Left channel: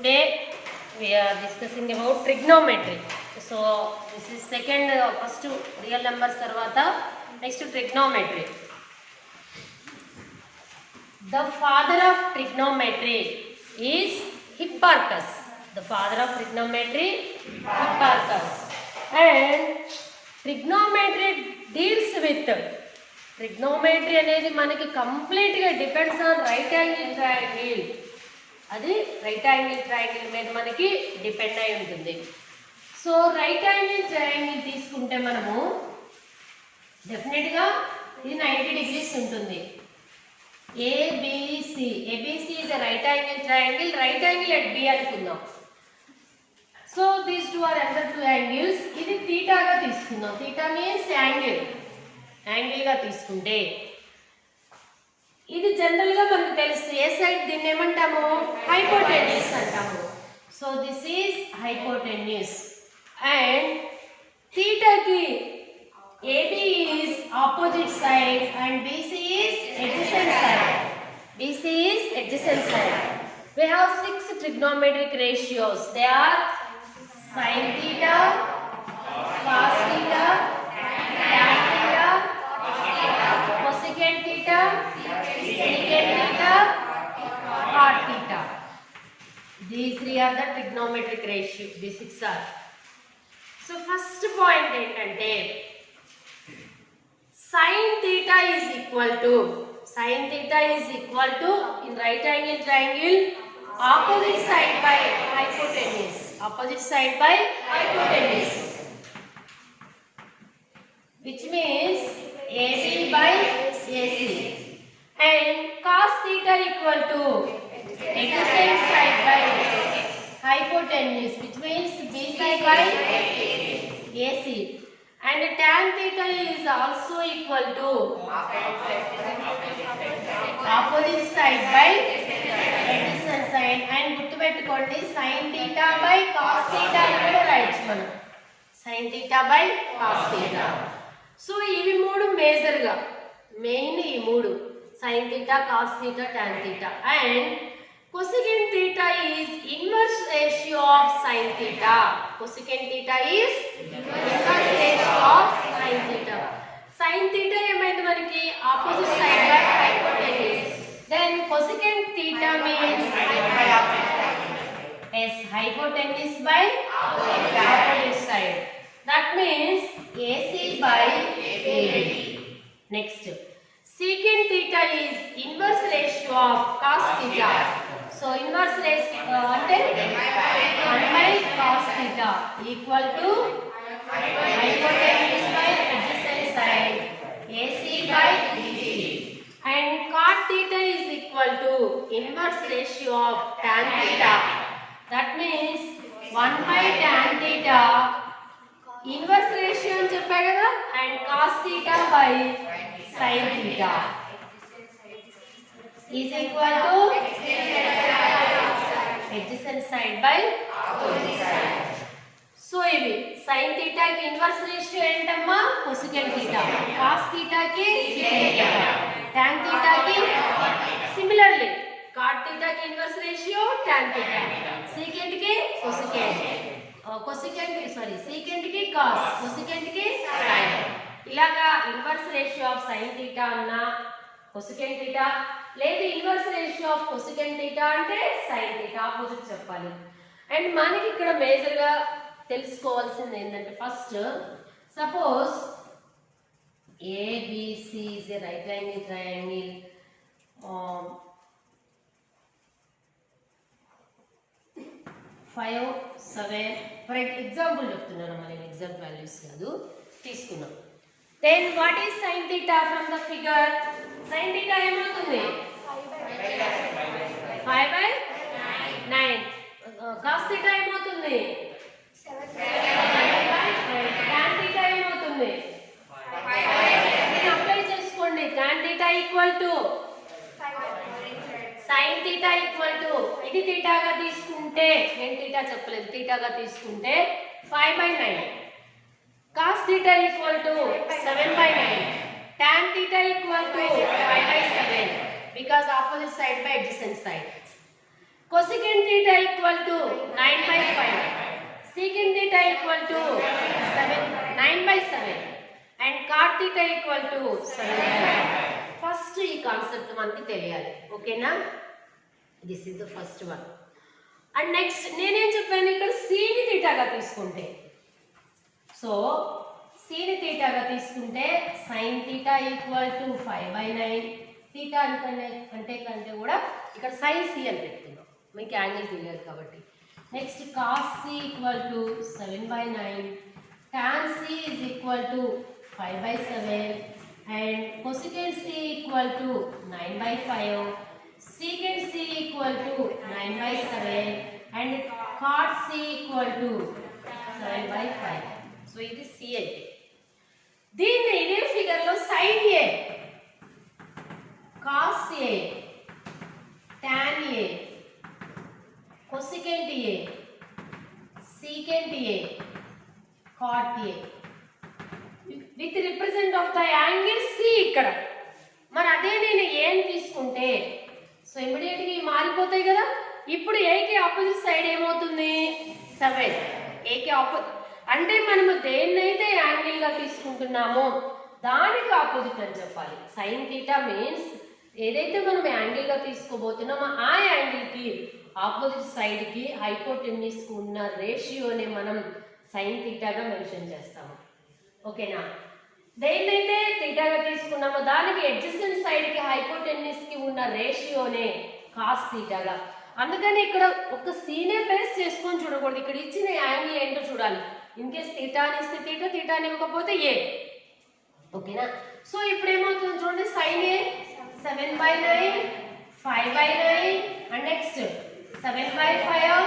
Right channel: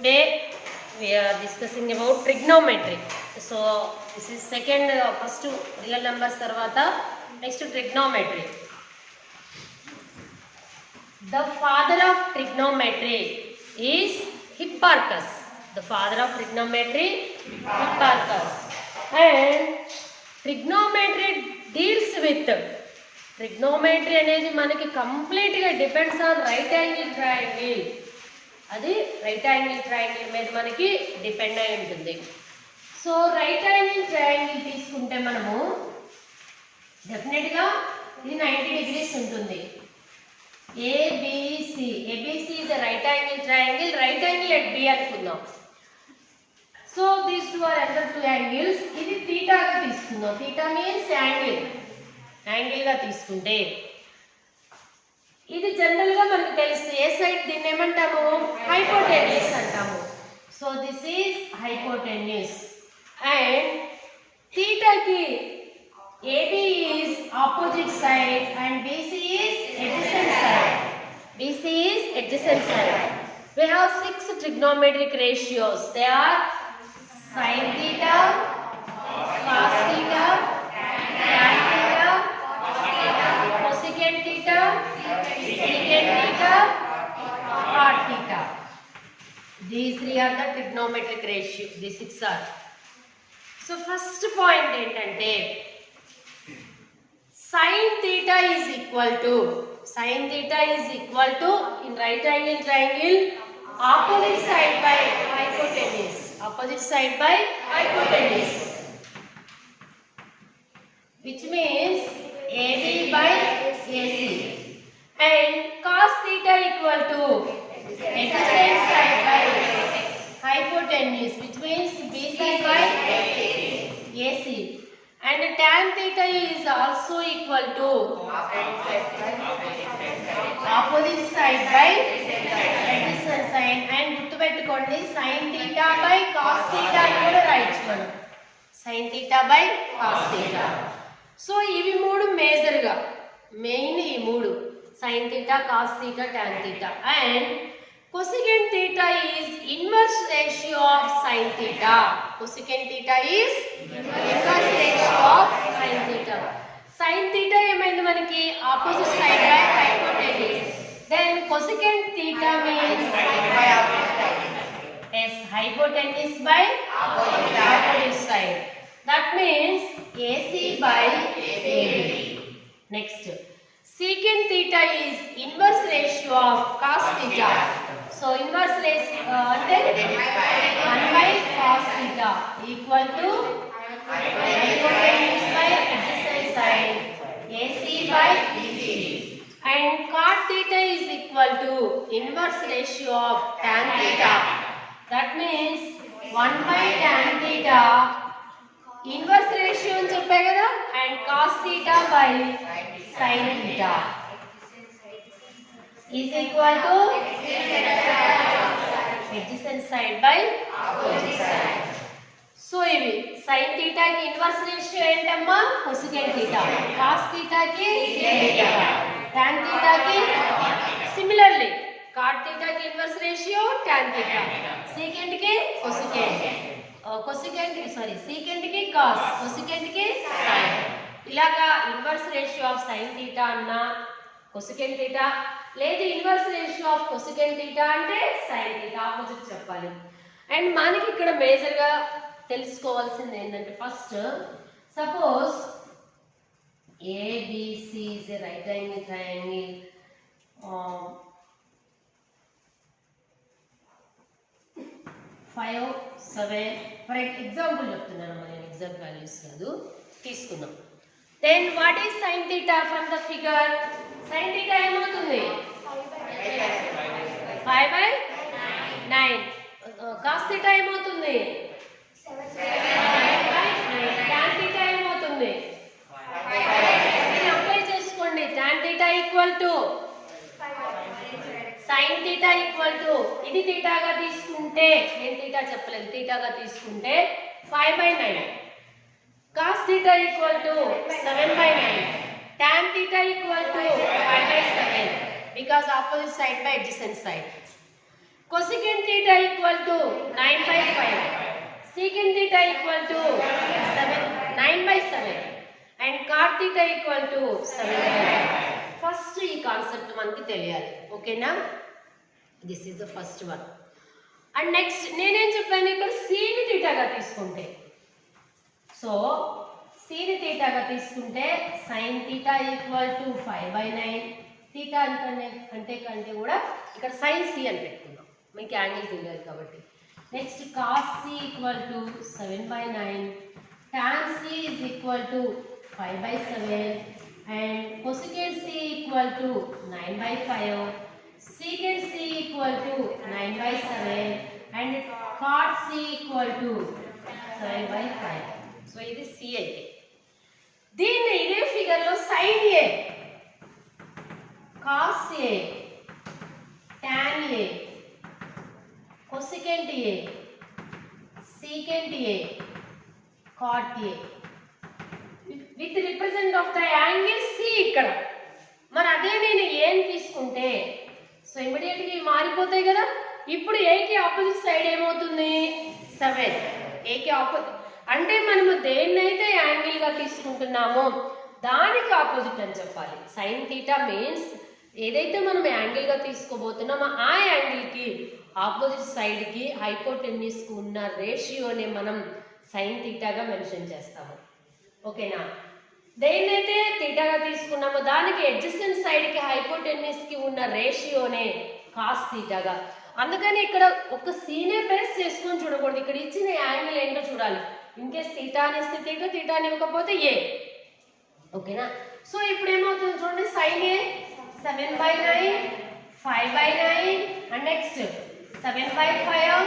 Today we are discussing about trigonometry. So this is second, first real numbers tarvata next trigonometry. The father of trigonometry is Hipparchus. The father of trigonometry, Hipparchus. And trigonometry deals with trigonometry అనేది మనకి కంప్లీట్గా depends on right angle triangle. అది right angle triangle మీద మనకి depend అయి ఉంటుంది. So right angle triangle తీసుకుంటే మనము డెఫినెట్గా ఇది 90 degrees ఉంటుంది. ABC is a right angle triangle. Right angle at B అనుకుందాం. So these two are under two angles. ఇది థీటాగా తీసుకుందాం. థీటా మీన్స్ యాంగిల్గా తీసుకుంటే ఇది జనరల్గా మనకు తెలుసు ఏ సైడ్ దీన్ని ఏమంటాము, హైపోటెన్యూస్ అంటాము. So this is hypotenuse. And థీటాకి AB is opposite side and BC is adjacent side. BC is adjacent side. We have 6 trigonometric ratios. They are sin theta, cos theta, tan theta, cosecant theta, secant theta, cot theta. These three are the trigonometric ratio. These 6 are. So first point ఏంటంటే sin theta is equal to in right angle triangle opposite side by hypotenuse. Which means AB by AC. And cos theta equal to adjacent side by hypotenuse, which means BC by AC. And tan theta is also equal to opposite side by adjacent side. And గుర్తుపెట్టుకోండి sin theta by cos theta కూడా రాయొచ్చు మనం. sin theta by cos theta. So ఇవి మూడు మేజర్గా main ఈ మూడు sin theta, cos theta, tan theta. And cosecant theta is inverse ratio of sin theta. Cosecant theta is inverse ratio of sin theta. Sin theta ఏమైంది మనకి opposite side by hypotenuse. Then cosecant theta means hypotenuse by opposite side. That means AC by AB. Next, secant theta is inverse ratio of cos theta. So inverse ratio అంటే 1 by cos theta equal to hypotenuse by adjacent side AC by BC. And cot theta is equal to inverse ratio of tan theta. That means 1 by tan theta inverse ratio అని చెప్పా కదా. And cos theta by sin theta is equal to adjacent side by opposite side. So ఇవి sin theta కి inverse ratio ఏంటమ్మా, cosecant theta. cos theta కి secant theta. tan theta కి similarly cot theta కి inverse ratio tan theta. secant కి cosecant. secant కి cos, cosecant కి sin. ఇలాగా inverse ratio of sin theta అన్నా cosecant theta, లేదు inverse ratio of cosecant theta అంటే sin theta ఆపోజిట్ చెప్పాలి. అండ్ మనకి ఇక్కడ మేజర్గా తెలుసుకోవాల్సింది ఏంటంటే first suppose ABC is a right angle triangle. 5, 7 for example చెప్తున్నాను, నేను ఎగ్జాక్ట్ వాల్యూస్ కాదు తీసుకున్నాం. Then what is sin theta from the figure? sin theta ఏమవుతుంది? 5/9. cos theta ఏమవుతుంది? 7/9. tan theta ఏమవుతుంది? అప్లై చేసుకోండి. tan theta equal to sin theta equal to ఇది థీటాగా తీసుకుంటే, నేను థీటా చెప్పలేదు, థీటాగా తీసుకుంటే 5/9. cos theta equal to 7/9. tan theta equal to 5/7 because opposite side by adjacent side. cosecant theta equal to 9/5, secant theta equal to 9/7 and cot theta equal to 7/5. First ఈ concept మనకి తెలియాలి. ఓకేనా? This is the first one. And next నేనేం చెప్పాను, ఇక్కడ సీని తీటాగా తీసుకుంటే, so సీని తీటాగా తీసుకుంటే sine theta equal to 5/9. Theta అంటే కంటే కూడా ఇక్కడ సైన్ సి అని పెట్టుకుందాం, మీకు యాంగిల్ తెలియాలి కాబట్టి. Next cos C equal to 7/9, tan C is equal to 5/7 and cosecant c equal to 9/5, secant c equal to 9/7 and cot c equal to 7/5. So ఇది c అయితే దీన్ని ఇదే ఫిగర్ లో sin a, cos a, tan a, cosecant a, secant a, cot a with represent of the angle C. ఇక్కడ మరి అదే నేను ఏని తీసుకుంటే సో ఇమీడియట్గా మారిపోతాయి కదా. ఇప్పుడు ఏకి ఆపోజిట్ సైడ్ ఏమవుతుంది 7. ఏకి ఆపోజిట్ అంటే మనము దేన్నైతే యాంగిల్గా తీసుకుంటున్నామో దానికి ఆపోజిట్ అని చెప్పాలి. సైన్ థీటా మీన్స్ ఏదైతే మనం యాంగిల్గా తీసుకోబోతున్నామో ఆ యాంగిల్కి ఆపోజిట్ సైడ్కి హైపోటెన్యూస్కి ఉన్న రేషియోని మనం సైన్ థీటాగా మెన్షన్ చేస్తాము. ఓకేనా? దేన్నైతే థీటాగా తీసుకున్నామో దానికి అడ్జసెంట్ సైడ్కి హైపోటెన్యూస్కి ఉన్న రేషియోనే కాస్ థీటాగా. అందుకని ఇక్కడ ఒక సీనే బేస్ చేసుకొని చూడకూడదు, ఇక్కడ ఇచ్చిన యాంగిల్ ఏంటో చూడాలి. ఇన్ కేస్ థీటా అని ఇస్తే థీటా, థీటా అని ఇవ్వకపోతే ఏ. ఓకేనా? సో ఇప్పుడు ఏమవుతుంది చూడండి, sine A 7/9, 5/9 and next 7/5,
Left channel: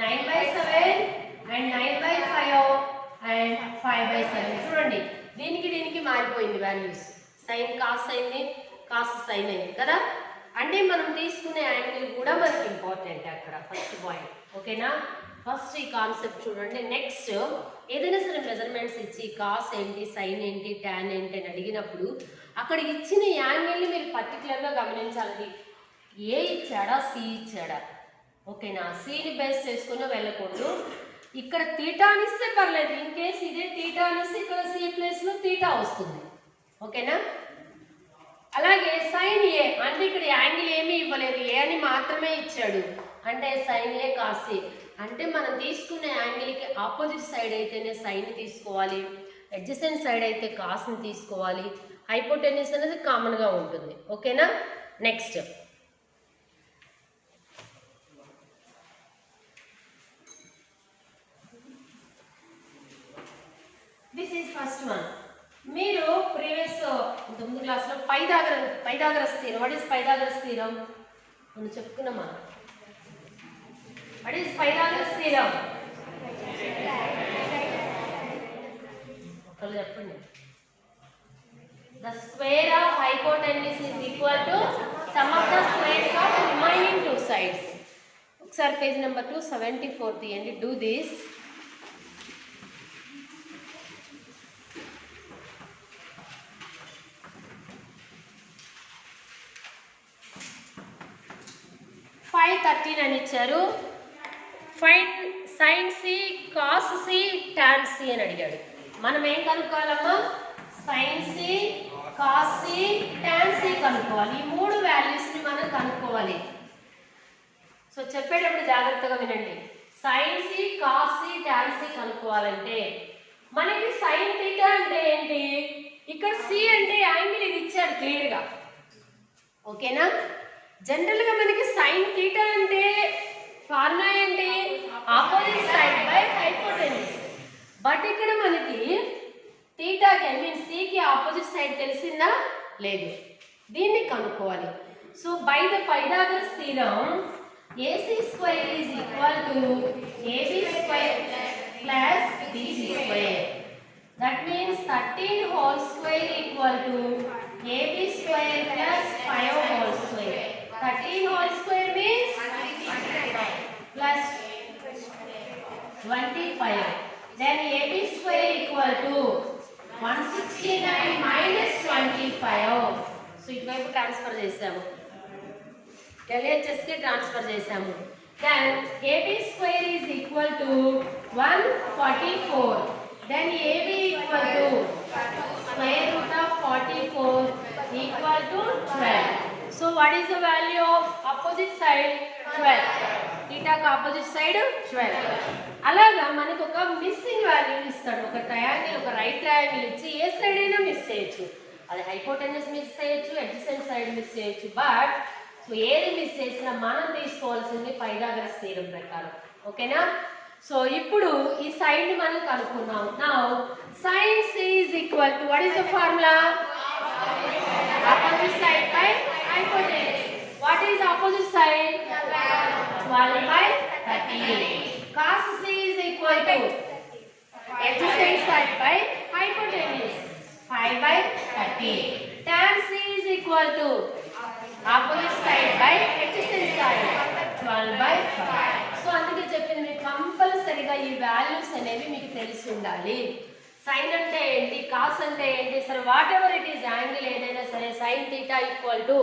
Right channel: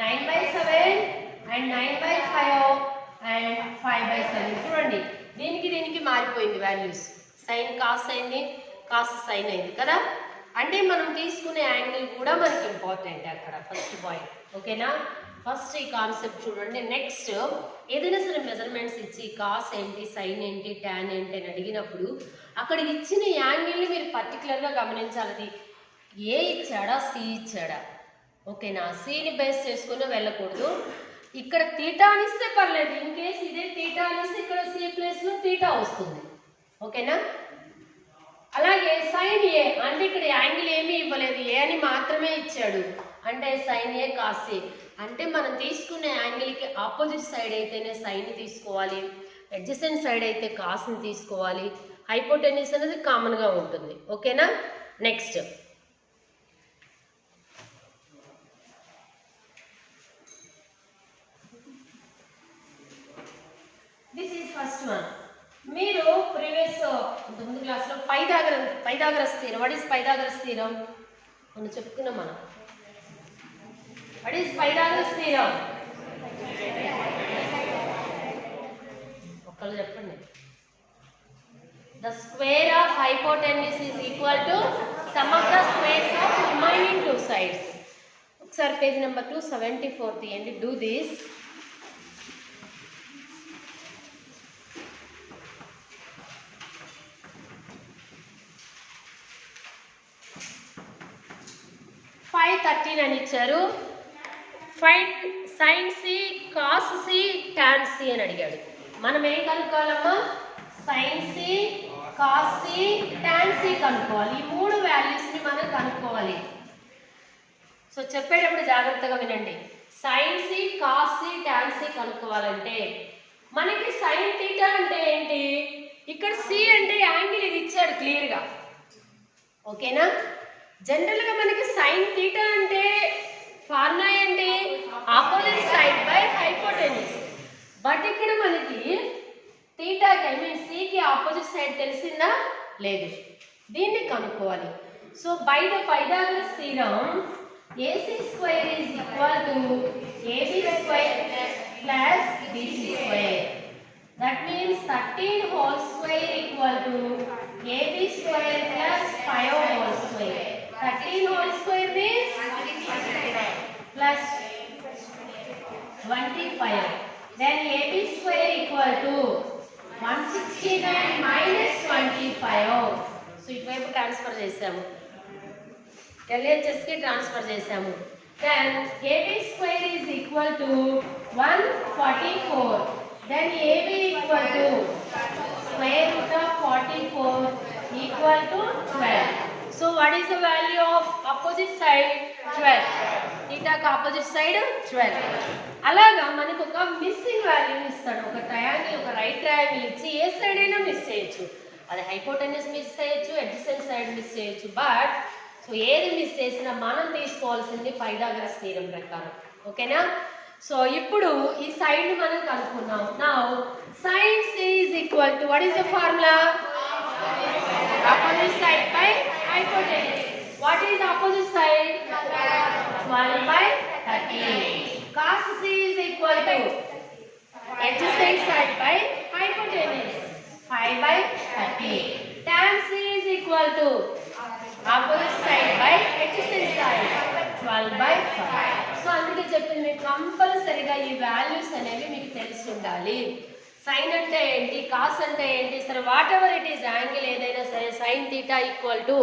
9/7 and 9/5 and 5/7. చూడండి దీనికి మారిపోయింది వాల్యూస్. సైన్ కాస్ అయింది, కాస్ సైన్ అయింది కదా. అంటే మనం తీసుకునే యాంగిల్ కూడా మనకి ఇంపార్టెంట్ అక్కడ ఫస్ట్ పాయింట్. ఓకేనా? ఫస్ట్ ఈ కాన్సెప్ట్ చూడండి. నెక్స్ట్ ఏదైనా సరే మెజర్మెంట్స్ ఇచ్చి కాస్ ఏంటి, సైన్ ఏంటి, ట్యాన్ ఏంటి అని అడిగినప్పుడు అక్కడ ఇచ్చిన యాంగిల్ని మీరు పర్టికులర్గా గమనించాలి. ఏ ఇచ్చాడా, సి ఇచ్చాడా. ఓకేనా? సిని బేస్ చేసుకుని వెళ్ళకూడదు. ఇక్కడ తీటా అనిస్తే పర్లేదు, ఇన్ కేస్ ఇదే తీటా అనిస్తే ఇక్కడ సి ప్లేస్లో తీటా వస్తుంది. ఓకేనా? అలాగే సైన్ ఏ అంటే ఇక్కడ యాంగిల్ ఏమీ ఇవ్వలేదు, ఏ అని మాత్రమే ఇచ్చాడు. అంటే సైన్ ఏ కాస్ ఏ అంటే మనం తీసుకునే యాంగిల్కి ఆపోజిట్ సైడ్ అయితేనే సైన్ తీసుకోవాలి, అడ్జసెంట్ సైడ్ అయితే కాస్ని తీసుకోవాలి. హైపోటెన్యూస్ అనేది కామన్గా ఉంటుంది. ఓకేనా? Next this is first one. మీరు ప్రీవియస్ ముందు క్లాస్లో Pythagoras theorem. What is Pythagoras theorem మనం చెప్పుకున్నామా? What is Pythagoras theorem? ఒకళ్ళు చెప్పండి. The square of hypotenuse is equal to sum of the squares of remaining two sides. ఒకసారి page number 274 తీయండి. Do this. అని ఇచ్చారు. Find sine C, cos C, tan C అని అడిగాడు. మనం ఏం కనుక్కోవాలమ్మా? Sine C, cos C, tan C కనుక్కోవాలి. ఈ మూడు వాల్యూస్ని మనం కనుక్కోవాలి. సో చెప్పేటప్పుడు జాగ్రత్తగా వినండి. Sine C, cos C, tan C కనుక్కోవాలంటే మనకి సైన్ థీటా అంటే ఏంటి? ఇక్కడ సి అంటే యాంగిల్ ఇది ఇచ్చాడు క్లియర్గా. ఓకేనా? జనరల్గా మనకి సైన్ థీటా అంటే ఫార్ములా ఏంటి? Opposite side by hypotenuse. But ఇక్కడ మనకి థీటాకి ఐ మీన్ సికి ఆపోజిట్ సైడ్ తెలిసిందా? లేదు. దీన్ని కనుక్కోవాలి. So by the Pythagoras theorem AC square is equal to AB square plus BC square. That means 13 whole square equal to AB square plus 5 whole square. 13 whole square means plus 25. Then AB square equal to 169 minus 25. So ఇటువైపు transfer చేసాము. LHSకి transfer చేసాము. Then AB square is equal to 144. Then AB equal to square root of 44 equal to 12. So what is the value of opposite side? 12. Theta ka opposite side 12. అలాగా మనకు ఒక missing value ఇస్తాడు. ఒక triangle, ఒక right triangle ఇచ్చి ఏ side అయినా miss చేయొచ్చు. అది హైపోటెన్యూస్ మిస్ చేయొచ్చు, అడ్జసెంట్ సైడ్ మిస్ చేయొచ్చు. బట్ సో ఏది మిస్ చేసినా మనం తీసుకోవాల్సింది పైథాగరస్ థీరం ప్రకారం. ఓకేనా? సో ఇప్పుడు ఈ సైడ్ మనం కనుక్కున్నాం. Now sin c is equal to what is the formula? Opposite side by hypotenuse. What is opposite side? 12 by 38. Cos c is equal to adjacent side by hypotenuse 5 by 38. Tan c is equal to opposite side by adjacent side 12 by 5. So అందుకే చెప్పింది కంపల్సరిగా ఈ values అనేవి మీకు తెలిసి ఉండాలి. Sign అంటే ఏంటి, కాస్ అంటే ఏంటి, సరే what ever it is angle ఏదైనా సరే sign theta equal to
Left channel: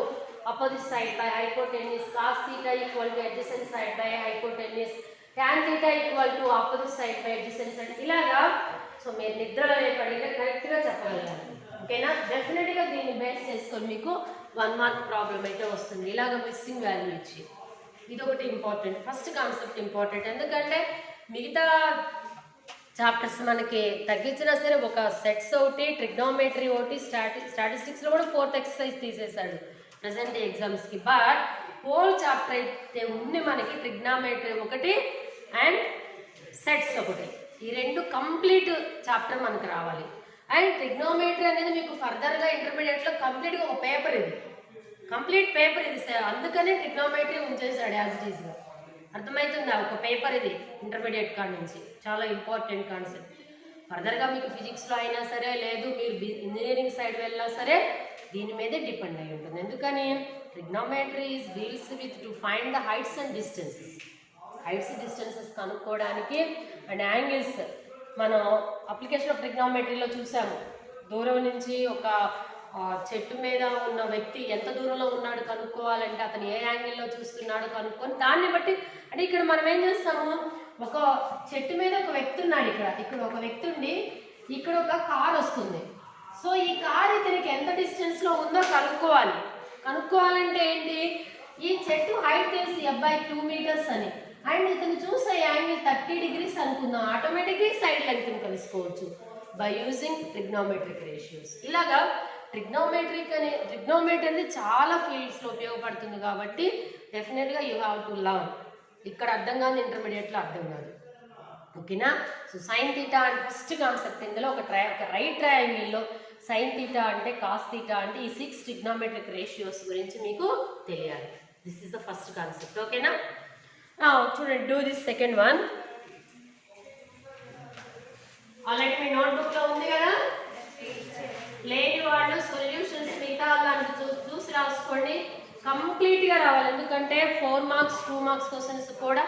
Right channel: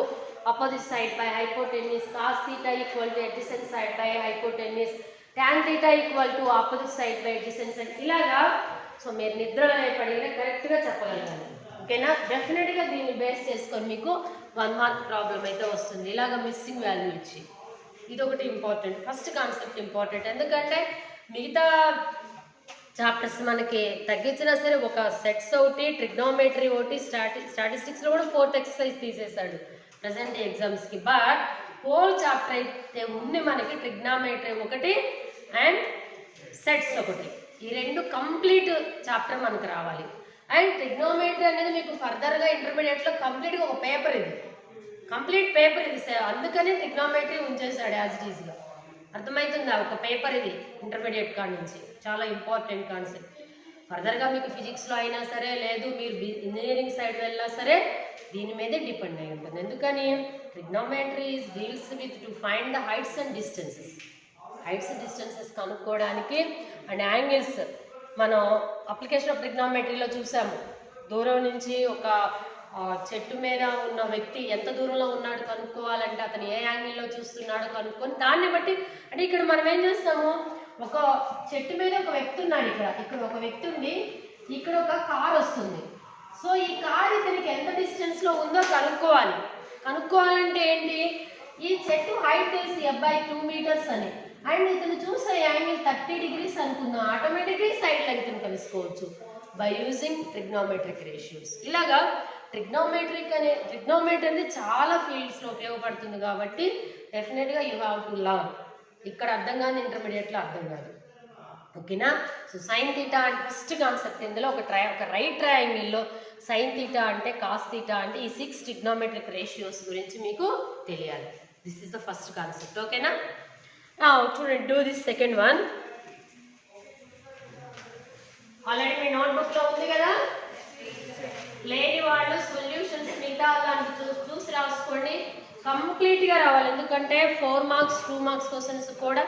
opposite side by hypotenuse, cos theta equal to adjacent side by hypotenuse, tan theta equal to opposite side by adjacent side. ఇలాగా so మీరు నిద్రలో పడినా కరెక్ట్గా చెప్పగలగాలి. ఓకేనా? డెఫినెట్గా దీన్ని బేస్ చేసుకొని మీకు 1 మార్క్ ప్రాబ్లం అయితే వస్తుంది. ఇలాగ మిస్సింగ్ వాల్యూ ఇచ్చి ఇది ఒకటి ఇంపార్టెంట్, ఫస్ట్ కాన్సెప్ట్ ఇంపార్టెంట్. ఎందుకంటే మిగతా చాప్టర్స్ మనకి తగ్గించినా సరే ఒక సెట్స్ ఒకటి, ట్రిగ్నోమెట్రీ ఒకటి, స్టాటిస్టిక్స్లో కూడా 4th ఎక్సర్సైజ్ తీసేశాడు ప్రజెంట్ ఎగ్జామ్స్కి. బట్ హోల్ చాప్టర్ అయితే ఉంది మనకి ట్రిగ్నోమెట్రీ ఒకటి అండ్ సెట్స్ ఒకటి. ఈ రెండు కంప్లీట్ చాప్టర్ మనకు రావాలి. అండ్ ట్రిగ్నోమెట్రీ అనేది మీకు ఫర్దర్గా ఇంటర్మీడియట్లో కంప్లీట్గా ఒక పేపర్, ఇది కంప్లీట్ పేపర్ ఇది. అందుకనే ట్రిగ్నోమెట్రీ ఉంచేసాడు యాజ్ ఇట్ ఈస్గా. అర్థమవుతుందా? ఒక పేపర్ ఇది ఇంటర్మీడియట్ కాడ నుంచి, చాలా ఇంపార్టెంట్ కాన్సెప్ట్. ఫర్దర్గా మీకు ఫిజిక్స్లో అయినా సరే, లేదు మీరు ఇంజనీరింగ్ సైడ్ వెళ్ళినా సరే దీని మీదే డిపెండ్ అయి ఉంటుంది. ఎందుకని trigonometry deals with to find the heights and distances. Heights distances కనుక్కోవడానికి అండ్ యాంగిల్స్. మనం అప్లికేషన్ ఆఫ్ ట్రిగ్నోమెట్రీలో చూసాము, దూరం నుంచి ఒక చెట్టు మీద ఉన్న వ్యక్తి ఎంత దూరంలో ఉన్నాడు కనుక్కోవాలంటే అతను ఏ యాంగిల్లో చూస్తున్నాడు కనుక్కొని దాన్ని బట్టి, అంటే ఇక్కడ మనం ఏం చేస్తాము, ఒక చెట్టు మీద ఒక వ్యక్తి ఉన్నాడు, ఇక్కడ ఒక వ్యక్తి ఉండి ఇక్కడ ఒక కార్ వస్తుంది. సో ఈ కార్ ఇతనికి ఎంత డిస్టెన్స్లో ఉందో కనుక్కోవాలంటే ఏంటి, ఈ చెట్టు హైట్ తెలిసి అబ్బాయి 2 మీటర్స్ అని, అండ్ ఇతను చూసే యాంగిల్ 30 degrees అనుకుందాం, ఆటోమేటిక్గా సైడ్ లెంగ్త్ని తెలుసుకోవచ్చు బై యూజింగ్ ట్రిగ్నోమెట్రిక్ రేషియోస్. ఇలాగా ట్రిగ్నోమెట్రీ అనేది చాలా ఫీల్డ్స్లో ఉపయోగపడుతుంది కాబట్టి డెఫినెట్గా యూ హ్యావ్ టు లర్న్. ఇక్కడ అర్థం కాదు, ఇంటర్మీడియట్లో అర్థం కాదు. ఓకేనా? సో సైన్ థీటా అంటే ఫస్ట్ కాన్సెప్ట్. ఇందులో ఒక రైట్ ట్రయాంగిల్లో సైన్ థీటా అంటే, కాస్ థీటా అంటే ఈ 6 ట్రిగ్నోమెట్రిక్ రేషియోస్ గురించి మీకు తెలియాలి. This is the first concept. ఓకేనా? చూడండి, do this second one. Already మీ నోట్బుక్లో ఉంది కదా, లేని వాళ్ళు సొల్యూషన్స్ మిగతా వాళ్ళు చూసి రాసుకోండి. కంప్లీట్గా రావాలి, ఎందుకంటే 4 మార్క్స్ 2 మార్క్స్ క్వశ్చన్స్ కూడా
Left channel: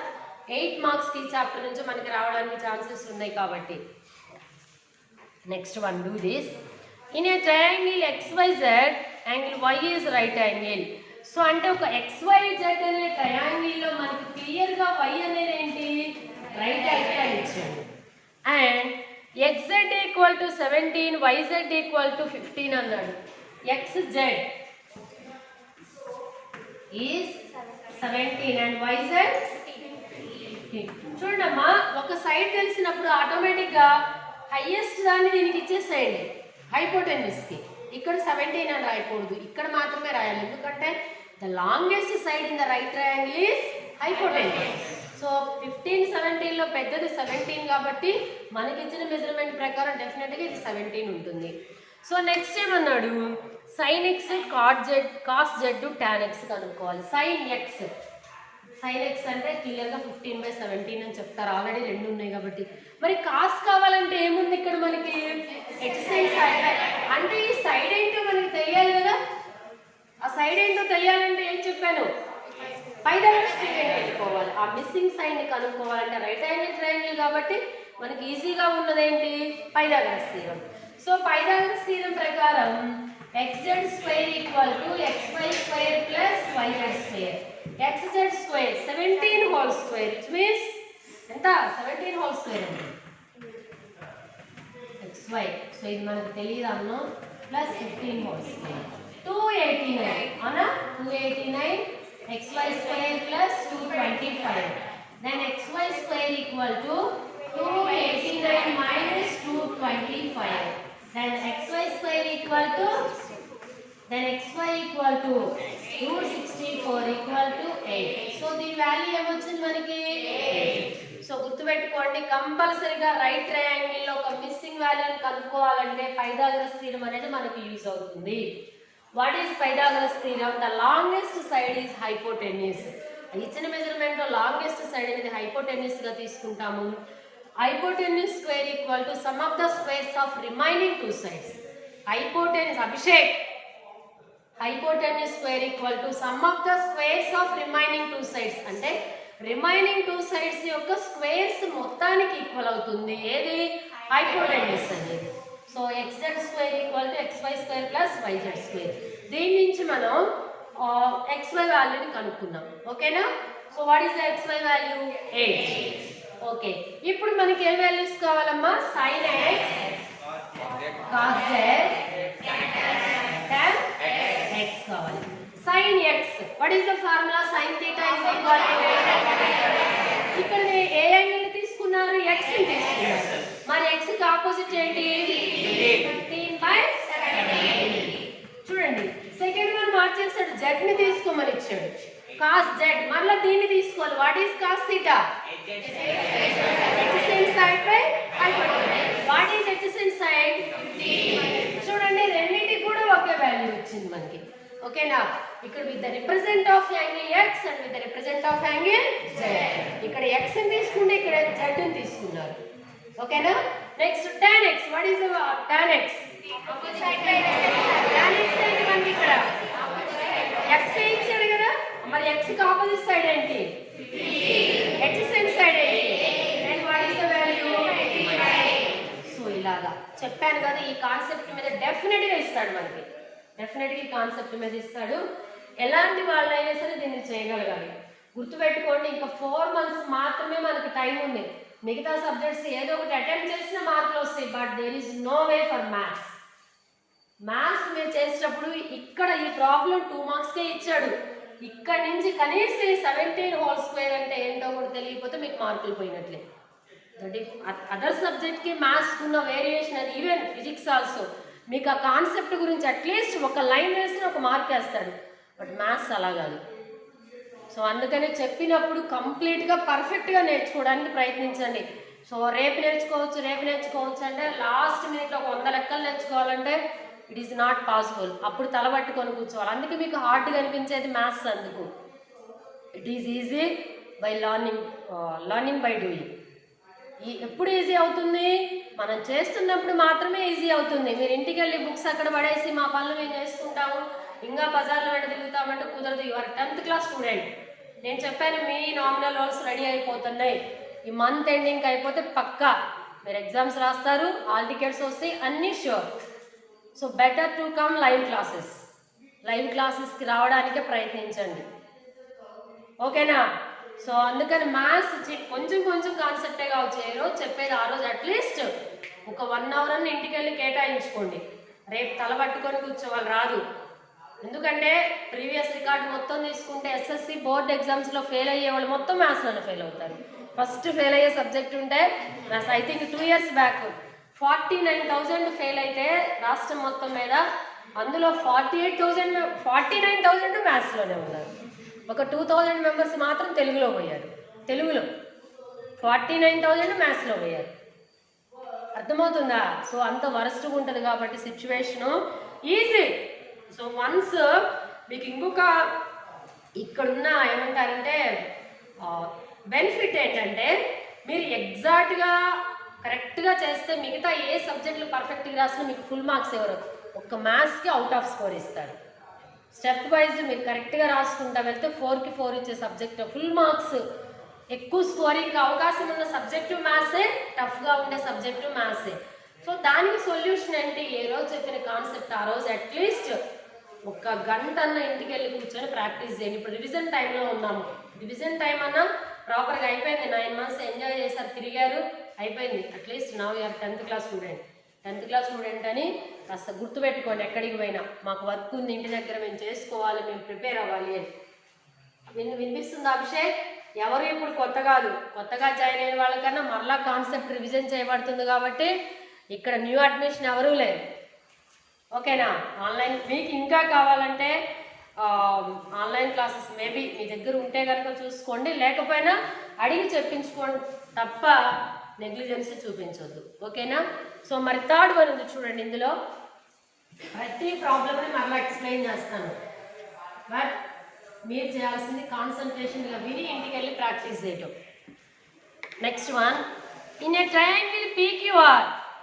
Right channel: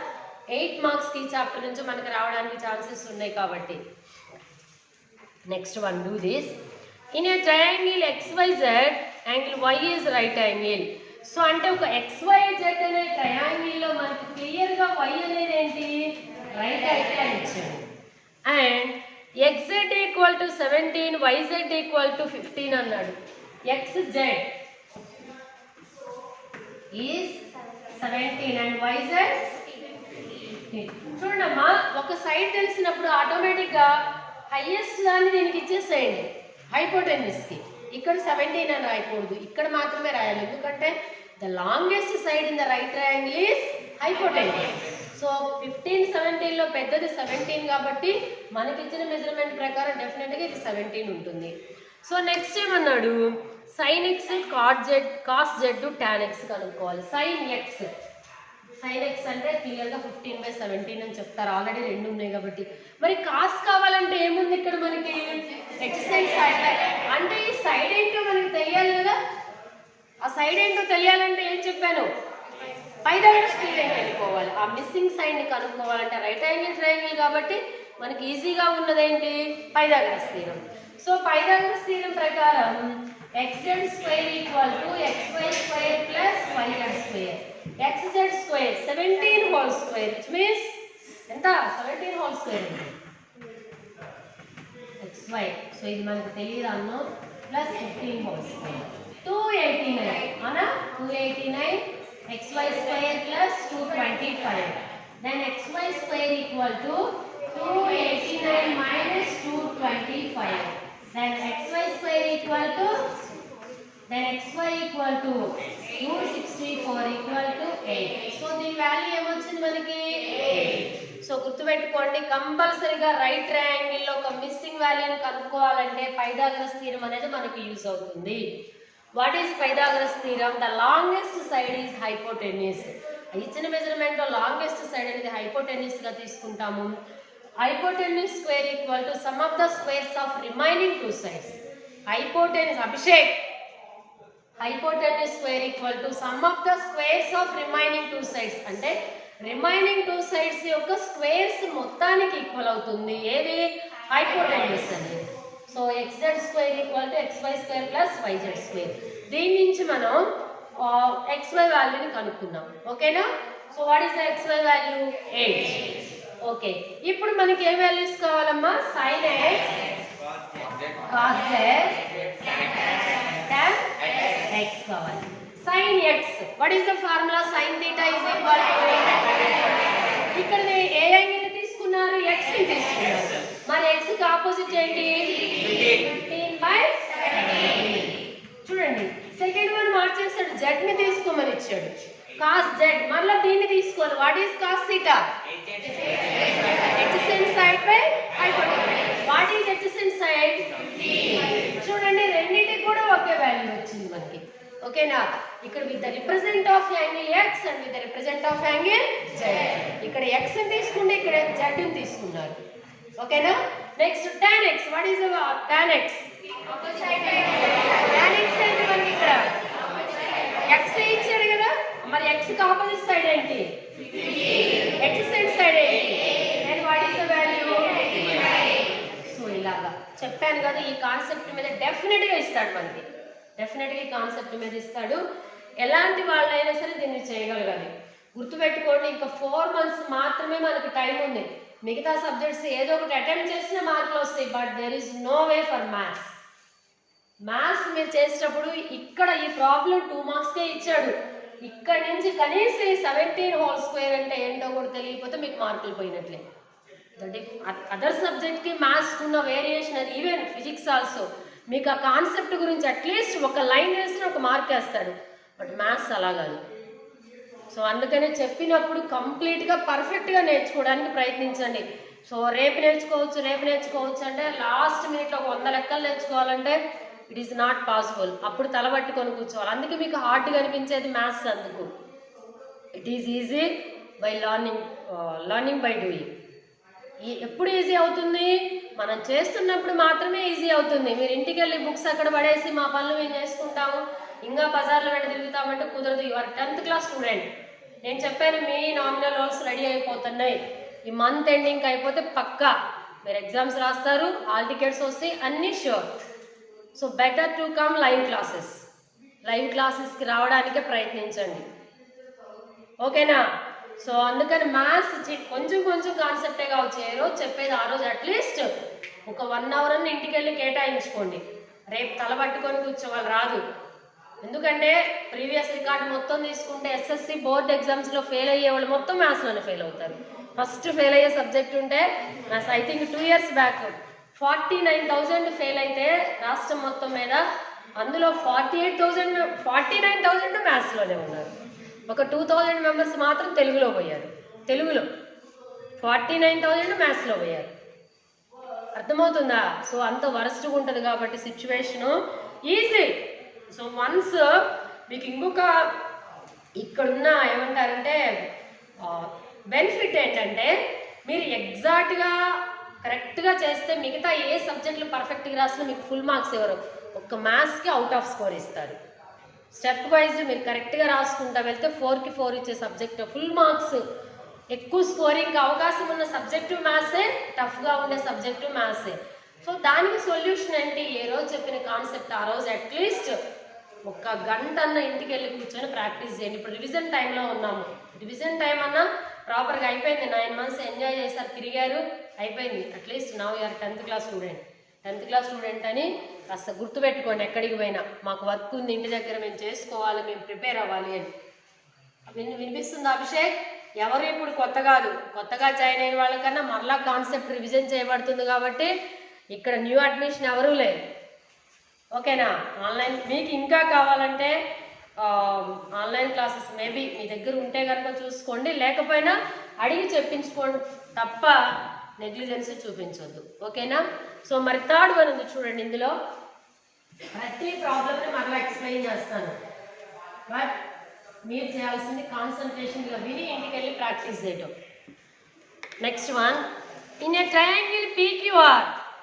8 మార్క్స్కి ఈ చాప్టర్ నుంచి మనకి రావడానికి ఛాన్సెస్ ఉన్నాయి కాబట్టి. Next one, do this. In a triangle XYZ, angle Y is right angle. So అంటే ఒక XYZ అనే ట్రయాంగిల్లో మనకి క్లియర్గా Y అనేది ఏంటి, రైట్ యాంగిల్ అని ఇచ్చాడు. And XZ equal to 17, YZ equal to 15 అన్నాడు. XZ is 17 and YZ 15. చూడమ్మా, ఒక సైడ్ తెలిసినప్పుడు ఆటోమేటిక్గా హైయెస్ట్ దాన్ని దీనికి ఇచ్చేసేయండి హైపోటెన్యూస్కి. ఇక్కడ 17 అని రాయకూడదు, ఇక్కడ మాత్రమే రాయాలి. ఎందుకంటే the longest side in the right triangle is hypotenuse. So 15, 17లో పెద్దది 17 కాబట్టి మనకి ఇచ్చిన మెజర్మెంట్ ప్రకారం డెఫినెట్గా ఇది 17 ఉంటుంది. సో నెక్స్ట్ ఏమన్నాడు, sign X cos Z tan X కనుక్కోవాలి. సైన్ ఎక్స్ అంటే క్లియర్గా 15/17 అని చెప్తారు, ఆల్రెడీ 2 ఉన్నాయి కాబట్టి. మరి కాస్ కావాలంటే ఏముంది ఇక్కడ మనకి, ఎక్సైజ్ సైడ్. అంటే ఈ సైడ్ ఏంటో మనకి తెలియాలి కదా. ఆ సైడ్ ఏంటో తెలియాలంటే ఏం చెప్పాను, పైథాగరస్ థీరం వెళ్ళిపోవాలి. ఆ మిస్సింగ్ సైడ్ని కనుక్కోవాలంటే రైట్ యాంగిల్ ట్రయాంగిల్ కాబట్టి మనకి ఈజీగా ఉన్నదేంటి, Pythagoras theorem. So Pythagoras theorem ప్రకారం XZ² equal to XY² plus YZ². 17 whole square which means ఎంత 17 హోల్ స్క్వేర్ అంటే xy. సో ఇది మనకు తెలియదు అన్నో ప్లస్ 15 హోల్ స్క్వేర్ 289 అవునా 289 xy square plus 225. Then xy square equal to 289 minus 225. Then xy square equal to xy equal to 264 equal to 8. So the value ఏమొచ్చింది మనకి 8. సో గుర్తుపెట్టుకోండి కంపల్సరీగా రైట్ ట్రయాంగిల్ లో ఒక మిస్సింగ్ వాల్యూని కనుక్కోవాలంటే పైథాగరస్ థీరం అనేది మనకి యూజ్ అవుతుంది. What is Pythagoras theorem? The longest side is hypotenuse. ఇచ్చిన మెజర్మెంట్ లో లాంగెస్ట్ సైడ్ అనేది హైపోటెన్యూస్ గా తీసుకుంటాము. Hypotenuse square equal to sum of the squares of remaining two sides. Hypotenuse Abhishek hypotenuse square equal to sum of the squares of remaining two sides అంటే remaining two sides యొక్క squares మొత్తానికి equal అవుతుంది. ఏది hypotenuse అనేది. So xz square equal to xy square plus yz square. దీని నుంచి మనం xy వాల్యూని కనుక్కుందాం. ఓకేనా? So what is the xy value 8. Okay, ఇప్పుడు మనకి ఏ వాల్యూస్ కావాలమ్మా? sin x cos z tan x కావాలి. sin x what is the formula? sin theta is equal to ఇక్కడ ఏ యాంగిల్ తీసుకున్నారు? x ని తీసుకున్నారు. మరి x కి ఆపోజిట్ ఏంటి? 15/7. చూడండి సెకండ్ వన్ మార్చేస్తాడు, z ని తీసుకోమని ఇచ్చాడు. cos z మళ్ళీ దీన్ని తీసుకోవాలి. What is cos theta? adjacent side by hypotenuse. What is adjacent side? 15. చూడండి రెండింటికి కూడా ఒకే వాల్యూ వచ్చింది మనకి. ఓకేనా? ఇక్కడ with the represent of angle x and with the represent of angle z. ఇక్కడ x ని తీసుకుంటే ఇక్కడ z ని తీసుకున్నారు. ఓకేనా? Next tan x. What is tan x? tan x అయితే మనకి ఇక్కడ x ఇచ్చాడు కదా, మరి x కి ఆపోజిట్ సైడ్ ఏంటి? adjacent సైడ్ ఏంటి? And what is the value? So ఇలాగా చెప్పాను కదా, ఈ కాన్సెప్ట్ మీద డెఫినెట్ గా ఇస్తాడు మనకి. డెఫినెట్ గా ఈ కాన్సెప్ట్ మీద ఇస్తాడు. ఎలాంటి వాళ్ళైనా సరే దీన్ని చేయగలగాలి. గుర్తుపెట్టుకోండి, ఇంకా 4 months మాత్రమే మనకు టైం ఉంది. మిగతా సబ్జెక్ట్స్ ఏదో ఒకటి అటెంప్ట్ చేసిన మార్కులు వస్తాయి. But there is no way for maths. Maths మీరు చేసేటప్పుడు ఇక్కడ ఈ ప్రాబ్లం 2 marksకే ఇచ్చాడు. ఇక్కడ నుంచి కనీసం 17 హోల్ స్క్వేర్ అంటే ఏంటో కూడా తెలియకపోతే మీకు మార్కులు పోయినట్లే. అదర్ సబ్జెక్ట్కి మ్యాథ్స్కి ఉన్న వేరియేషన్ అది ఈవెన్ ఫిజిక్స్ ఆల్సో. మీకు ఆ కాన్సెప్ట్ గురించి అట్లీస్ట్ ఒక లైన్ వేసిన ఒక మార్క్ వేస్తాడు. బట్ మ్యాథ్స్ అలా కాదు. సో అందుకని చెప్పినప్పుడు కంప్లీట్గా పర్ఫెక్ట్గా నేర్చుకోవడానికి ప్రయత్నించండి. సో రేపు నేర్చుకోవచ్చు అంటే లాస్ట్ మినిట్లో 100 లెక్కలు నేర్చుకోవాలంటే ఇట్ ఈస్ నాట్ పాసిబుల్. అప్పుడు తలబట్టుకొని కూర్చోవాలి. అందుకే మీకు హార్డ్గా అనిపించేది మ్యాథ్స్. అందుకు it is easy by learning by doing. ఎప్పుడు ఈజీ అవుతుంది? మనం చేస్తున్నప్పుడు మాత్రమే ఈజీ అవుతుంది. మీరు ఇంటికి వెళ్ళి బుక్స్ అక్కడ పడేసి మా పనులు మేము చేసుకుంటాము, ఇంకా బజార్లో వెంట తిరుగుతామంటే కుదరదు. You are 10th class student. నేను చెప్పాను మీ నామినల్ రోల్స్ రెడీ అయిపోతున్నాయి. ఈ మంత్ ఎండింగ్ అయిపోతే పక్కా మీరు ఎగ్జామ్స్ రాస్తారు, హాల్ టికెట్స్ వస్తాయి, అన్నీ sure. So better to come live క్లాసెస్కి రావడానికే ప్రయత్నించండి. ఓకేనా? సో అందుకని మ్యాథ్స్ కొంచెం కాన్సెప్టే కావచ్చు. ఏ రోజు చెప్పేది ఆ రోజు అట్లీస్ట్ ఒక 1 hour అని ఇంటికి వెళ్ళి కేటాయించుకోండి. రేపు తలబట్టుకొని కూర్చోవాలి రాదు. ఎందుకంటే ప్రీవియస్ రికార్డ్ మొత్తం తీసుకుంటే ఎస్ఎస్సి బోర్డ్ ఎగ్జామ్స్లో ఫెయిల్ అయ్యే వాళ్ళు మొత్తం మ్యాథ్స్లోనే ఫెయిల్ అవుతారు. ఫస్ట్ ఫెయిల్ అయ్యే సబ్జెక్ట్ ఉంటే maths. I think 2 years back 49,000 fail అయితే రాష్ట్రం మొత్తం మీద, అందులో 49,000 మ్యాథ్స్లోనే ఉన్నారు. ఒక 2,000 members మాత్రం తెలుగులో పోయారు. తెలుగులో 49,000 మ్యాథ్స్లో పోయారు. అర్థమవుతుందా? సో అంత వరస్ట్గా ఉంటుంది కాబట్టి సిచ్యువేషను ఈజీ. సో వన్స్ మీకు ఇంకొక ఇక్కడున్న ఏమంటారంటే బెనిఫిట్ ఏంటంటే మీరు ఎగ్జాక్ట్గా కరెక్ట్గా చేస్తే మిగతా ఏ సబ్జెక్టులు పర్ఫెక్ట్గా రాసినా మీకు ఫుల్ మార్క్స్ ఎవరు ఒక్క మ్యాథ్స్కి అవుట్ ఆఫ్ స్కోర్ ఇస్తారు. స్టెప్ వైజ్ మీరు కరెక్ట్గా రాసుకుంటా వెళ్తే 4కి 4 ఇచ్చే సబ్జెక్టు ఫుల్ మార్క్స్. ఎక్కువ స్కోరింగ్కి అవకాశం ఉన్న సబ్జెక్టు మ్యాథ్సే, టఫ్గా ఉండే సబ్జెక్టు మ్యాథ్సే. సో దానికి సొల్యూషన్ ఏంటి? ఏ రోజు చెప్పిన కాన్సెప్ట్ ఆ రోజు అట్లీస్ట్ 1 గంట అన్న ఇంటికి వెళ్ళి కూర్చొని ప్రాక్టీస్ చేయండి. ఇప్పుడు రివిజన్ టైంలో ఉన్నాము. డివిజన్ టైం అన్నా ప్రాపర్గా అయిపోయింది. 9 months ఎంజాయ్ చేశారు, తిరిగారు, అయిపోయింది. At least now you are 10th class student. 10th class student అని కాస్త గుర్తుపెట్టుకోండి. ఎక్కడికి పోయినా మాకు వర్క్ ఉంది ఇంటి దగ్గర, మేము చేసుకోవాలి, మేము ప్రిపేర్ అవ్వాలి అని. వినిపిస్తుంది అభిషేక్? ఎవరు ఇప్పుడు కొత్తగా జాయిన్ అయిన వాళ్ళకన్నా మరలా కాన్సెప్ట్ రివిజన్ చేయబడుతుంది కాబట్టి ఇక్కడ న్యూ అడ్మిషన్ ఎవరూ లేరు. ఓకేనా? ఆన్లైన్ మీకు ఇంకా కావాలంటే ఆన్లైన్ క్లాసెస్ మేబీ మీ దగ్గర ఉంటే కనుక చూసుకోండి, లేకపోయినా అడిగి చెప్పించుకోండి తప్ప నెగ్లిజెన్స్ చూపించవద్దు. ఓకేనా? సో మరి థర్డ్ వన్ ఉంది చూడండి. ఇందులో ప్రతి ప్రాబ్లమ్ని మరలా ఎక్స్ప్లెయిన్ చేస్తాను, బట్ మీరు చేయాల్సింది కాన్సన్ట్రేషన్గా విని ఇంటికి వెళ్ళి ప్రాక్టీస్ చేయటం. Next one, in a triangle PQR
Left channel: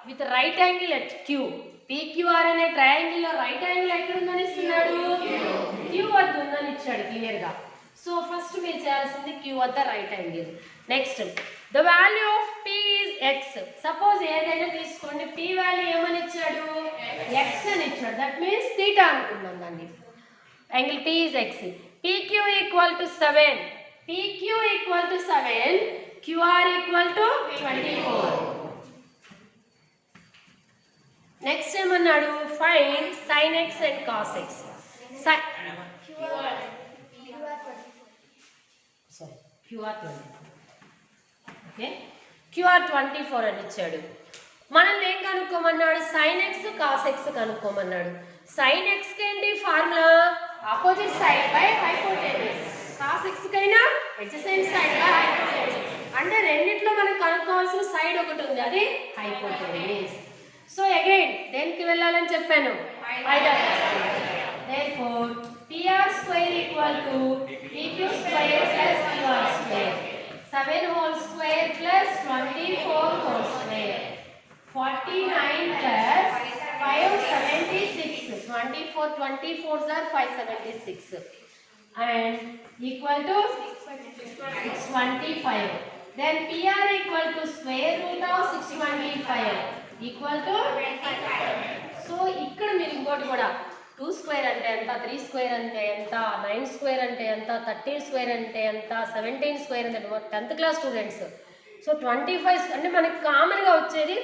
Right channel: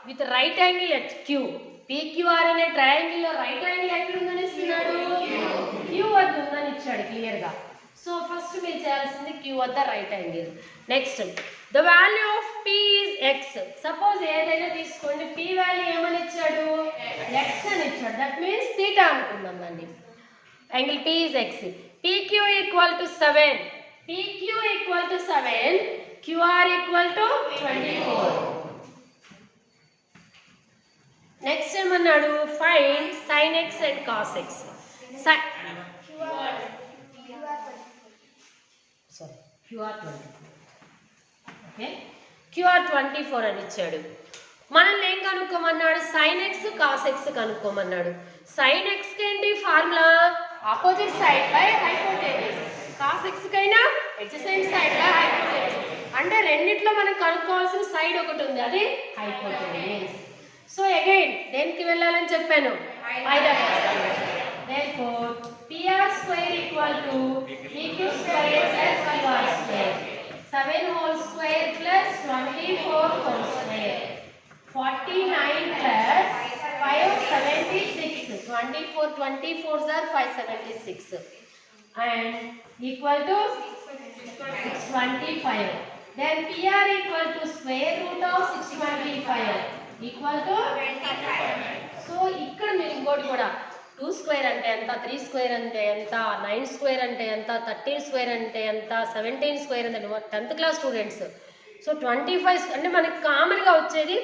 with right angle at Q. PQR అనే ట్రయాంగిల్లో రైట్ యాంగిల్ ఎక్కడ ఉందని ఇస్తున్నాడు? Q వద్ద ఉందని ఇచ్చాడు క్లియర్గా. సో ఫస్ట్ మీరు చేయాల్సింది Q వద్ద right angle. Next, the value of P is X. Suppose ఏదైనా తీసుకోండి, P వాల్యూ ఏమని ఇచ్చాడు? X అని ఇచ్చాడు. దట్ మీన్స్ థీటా అనుకుందాం దాన్ని. Angle P is X. PQ equal to 7. PQ equal to 7, QR equal to 24. Next ఏమన్నాడు? Find sin x and cos x. QR 24. Okay, QR 24 అని ఇచ్చాడు. మనల్ని ఏం కనుక్కోమన్నాడు? sin x cos x కనుక్కోమన్నాడు. sin x ఏంటి ఫార్ములా? Opposite side by hypotenuse. cos x కైనా అడ్జసెంట్ సైడ్ బై హైపోటెన్యూస్. అంటే రెండిట్లో మనం కనుక్కోవాల్సిన సైడ్ ఒకటి ఉంది, అది హైపోటెన్యూస్. సో అగైన్ దేనికి వెళ్ళాలని చెప్పాను? Therefore PR square equal to PQ square plus QR square. 7 whole square plus 24 whole square. 49 plus 576. 24 are 576 and equal to 625. Then PR equal to square root of 625 equal to 25. So ఇక్కడ మీరు ఇంకోటి కూడా 2 square అంటే ఎంత, 3 square అంటే ఎంత, 9 square అంటే ఎంత, 13 square అంటే ఎంత, 17 square అంటే 10th class స్టూడెంట్స్. సో 25 అంటే మనకి కామన్గా వచ్చేది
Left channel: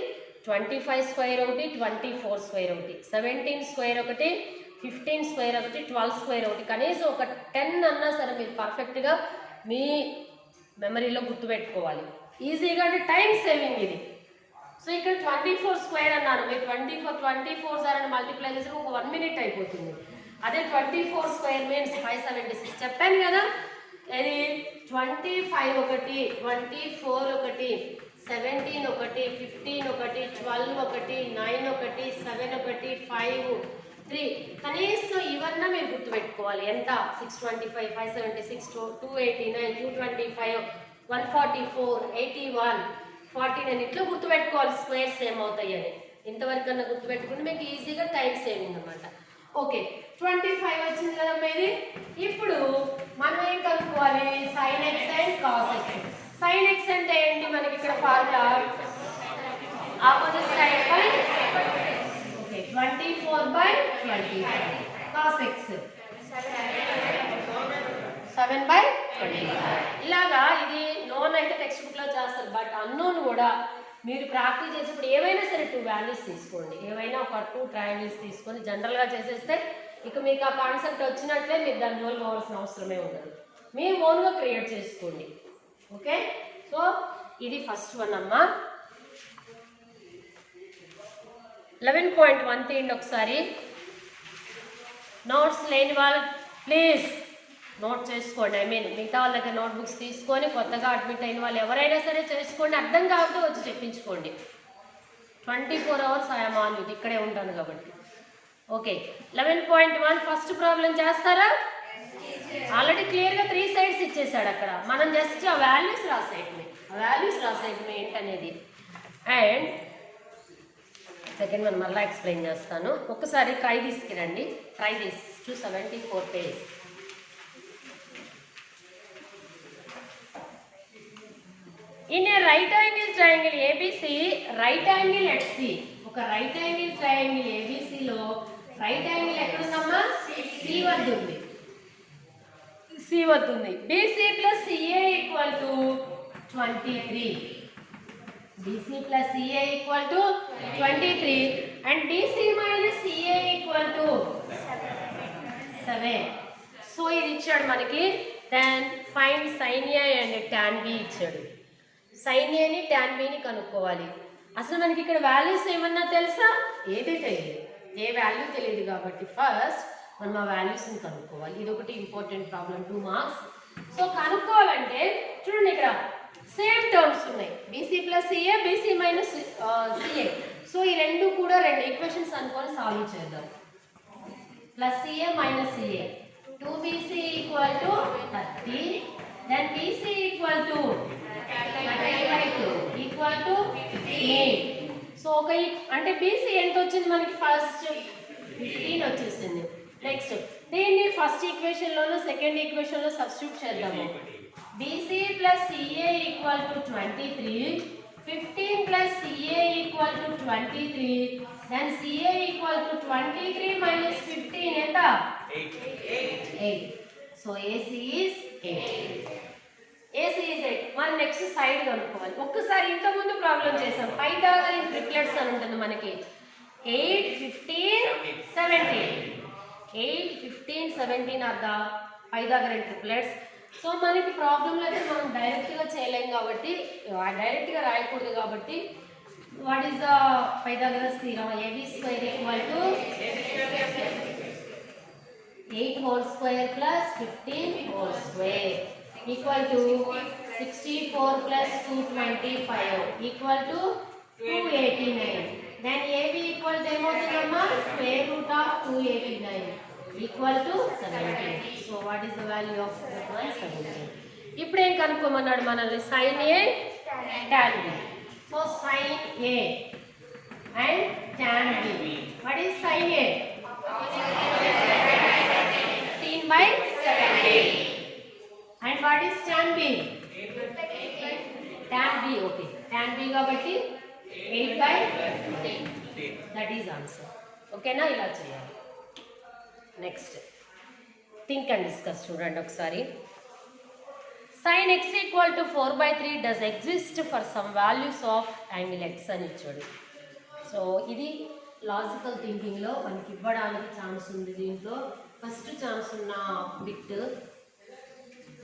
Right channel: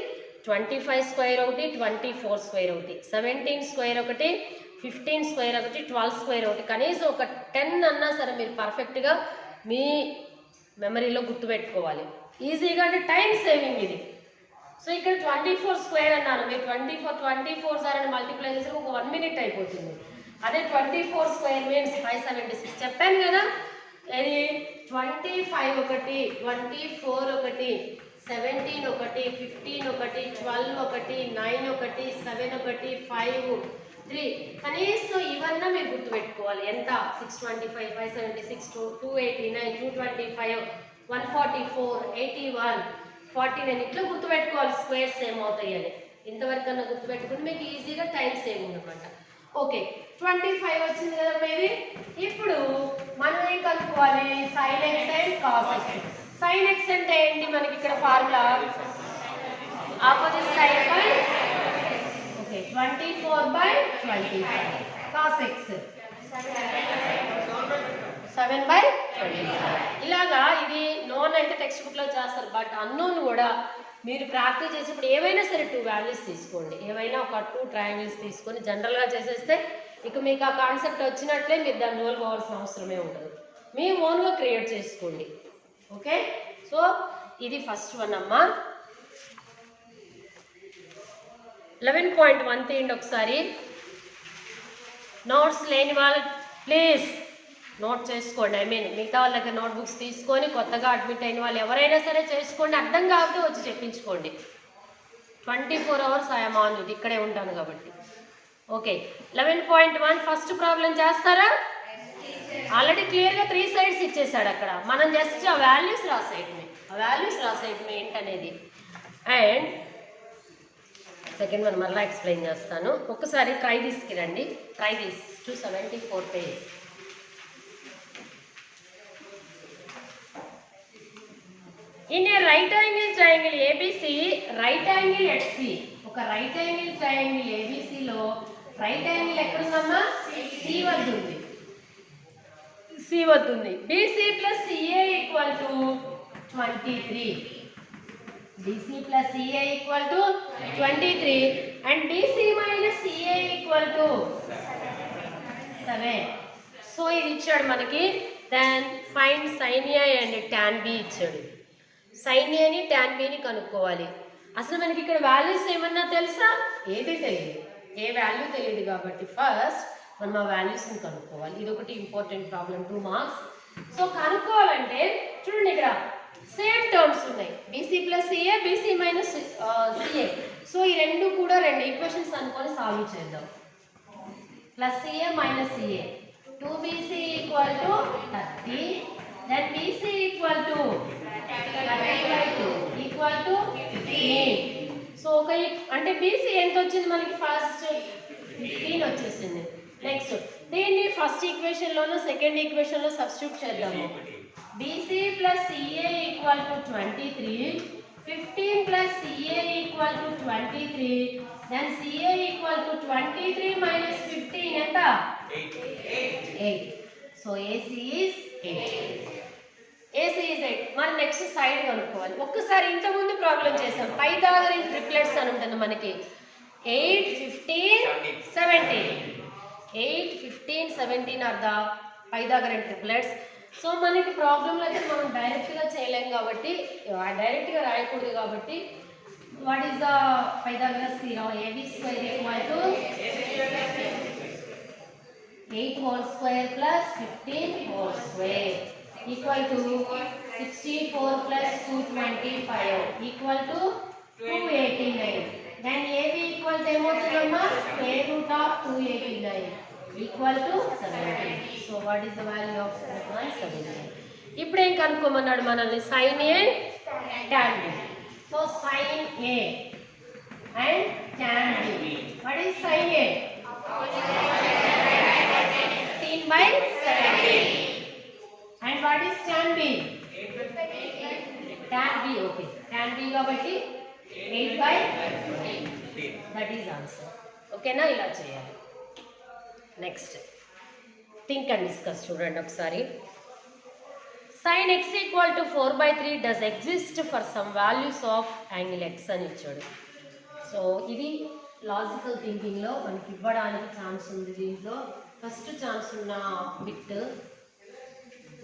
25 square ఒకటి, 24 square ఒకటి, 17 square ఒకటి, 15 square ఒకటి, 12 square ఒకటి. కనీసం ఒక 10 అన్నా సరే మీరు పర్ఫెక్ట్గా మీ మెమరీలో గుర్తుపెట్టుకోవాలి ఈజీగా. అంటే టైం సేవింగ్ ఇది. సో ఇక్కడ 24 square అన్నాను, మీరు 24 సార్ మల్టిప్లై చేసి ఒక 1 minute అయిపోతుంది. అదే 24 square మీన్స్ 576 చెప్పాను కదా. అది 25 ఒకటి, 24 ఒకటి, 17 ఒకటి, 15 ఒకటి, 12 ఒకటి, 9 ఒకటి, 7 ఒకటి, 5, 3. కనీసం ఇవన్నా మీరు గుర్తుపెట్టుకోవాలి. ఎంత? 625, 576, 289, 225, 144, 81, 49 ఇట్లా గుర్తుపెట్టుకోవాలి స్క్వేర్స్ ఏమవుతాయి అని. ఇంతవరకు అన్న గుర్తుపెట్టుకుంటే మీకు ఈజీగా టైం సేవింగ్ అనమాట. ఓకే, 25 వచ్చింది కదా ఇది. ఇప్పుడు మనం ఏం కనుక్కోవాలి? sin x and cos x. sin x అంటే ఏంటి? మనకి ఇక్కడ formula opposite side by 24/25. cos x 7/25. ఇలాగా ఇది నోన్ అయితే టెక్స్ట్ బుక్లో చేస్తారు, బట్ అన్నోన్ కూడా మీరు ప్రాక్టీస్ చేసేప్పుడు ఏవైనా సరే 2 వాల్యూస్ తీసుకోండి, ఏవైనా ఒక 2 ట్రయాంగిల్స్ తీసుకొని జనరల్గా చేసేస్తే ఇక మీకు ఆ కాన్సెప్ట్ వచ్చినట్లే. మీరు దాన్ని ఓన్ అవ్వాల్సిన అవసరమే ఉండదు, మీ ఓన్గా క్రియేట్ చేసుకోండి. ఓకే, సో ఇది ఫస్ట్ వన్ అమ్మా. 11.1 తీయండి ఒకసారి. నోట్స్ లేని వాళ్ళు ప్లీజ్ నోట్ చేసుకోండి. మిగతా వాళ్ళ దగ్గర నోట్బుక్స్ తీసుకొని కొత్తగా అడ్మిట్ అయిన వాళ్ళు ఎవరైనా సరే చేసుకోండి. అర్థం కాకపోతే వచ్చి చెప్పించుకోండి. 24 hours ఐఎమ్ ఆన్ ఇది, ఇక్కడే ఉంటాను కాబట్టి. ఓకే, 11.1 ఫస్ట్ ప్రాబ్లం చేస్తారా? ఆల్రెడీ క్లియర్గా 3 sides ఇచ్చేసాడు అక్కడ. మనం జస్ట్ ఆ వాల్యూస్ రాసేయటమే ఏంటనేది. అండ్ సెకండ్ వన్ మళ్ళీ ఎక్స్ప్లెయిన్ చేస్తాను. ఒకసారి ట్రై తీసుకురండి. Try this to 74 page. In a right angle triangle ABC, right angle at C. ఒక రైట్ యాంగిల్ ట్రయాంగిల్ ఏబిసిలో రైట్ యాంగిల్ ఎక్కడుందమ్మా? C వద్ద ఉంది. C సి వస్తుంది. BC plus CA equal to 23. BC plus CA equal to 23 and BC minus CA equal to 7. So ఇది ఇచ్చాడు మనకి. Then find sine A and tan B ఇచ్చాడు. సైన్ ఏని టాన్ బిని కనుక్కోవాలి. అసలు మనకి ఇక్కడ వాల్యూస్ ఏమన్నా తెలుసా? ఏది తెలియదు, ఏ వాల్యూ తెలియదు కాబట్టి ఫస్ట్ మనం ఆ వాల్యూస్ని కనుక్కోవాలి. ఇది ఒకటి ఇంపార్టెంట్ ప్రాబ్లం, 2 మార్క్స్. సో కనుక్కోవాలంటే చూడండి ఇక్కడ సేమ్ టర్మ్స్ ఉన్నాయి, BC plus CA, BC minus CA. So ఈ రెండు కూడా 2 ఈక్వేషన్స్ అనుకొని సాల్వ్ చేద్దాం. Plus CA minus CA, 2bc equal to 30, then BC equal to 30/2 equal to 15. So ఒక అంటే బీసీ ఎంత వచ్చింది మనకి? ఫస్ట్ 15 వచ్చేసింది. నెక్స్ట్ దీన్ని ఫస్ట్ ఈక్వేషన్లోనూ సెకండ్ ఈక్వేషన్లో సబ్స్టిట్యూట్ చేద్దాము. BC plus CA equal to 23, 15 plus CA equal to 23, then CA equal to 23 minus 15 ఎంత? 8. So AC is 8. AC is 8. మనం నెక్స్ట్ సైడ్ కనుక్కోవాలి. ఒక్కసారి ఇంతకుముందు ప్రాబ్లం చేసాం, పైథాగరన్ ట్రిప్లెట్స్ అని ఉంటుంది మనకి. 8, 15, 17. 8, 15, 17 are the Pythagorean triplets. So మనకి ప్రాబ్లంలో అయితే మనం డైరెక్ట్గా చేయలేం కాబట్టి, డైరెక్ట్గా రాయకూడదు కాబట్టి, what is the Pythagoras theorem? AB square equal to 8 whole square plus 15 whole square equal to 64 plus 225 equal to 289. Then AB equal to square root of 289 equal to 17. So what is the value of 17? ఇప్పుడు ఏం కనుక్కోమన్నాడు మనల్ని? Sine A tan B. So sine A and tan B. What is sine A? 15/17. And what is tan B? Tan B, okay. Tan B కాబట్టి 8/15. That is answer. ఓకేనా? ఇలా చేయాలి. Next think and discuss చూడండి ఒకసారి. sin x equal to 4/3 does exist for some values of angle x అని ఇచ్చాడు. So ఇది logical థింకింగ్లో మనకి ఇవ్వడానికి ఛాన్స్ ఉంది. దీంట్లో ఫస్ట్ ఛాన్స్ ఉన్న bit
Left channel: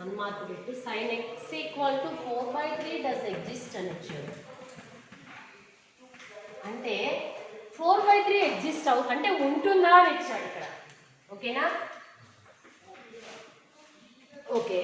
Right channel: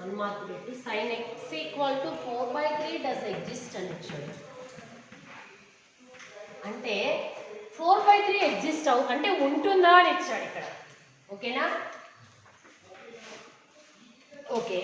1 mark bit, sin x equal to 4/3 does exist అని ఇచ్చాడు. అంటే 4/3 ఎగ్జిస్ట్ అంటే ఉంటుందా అని ఇచ్చాడు ఇక్కడ. ఓకేనా? ఓకే.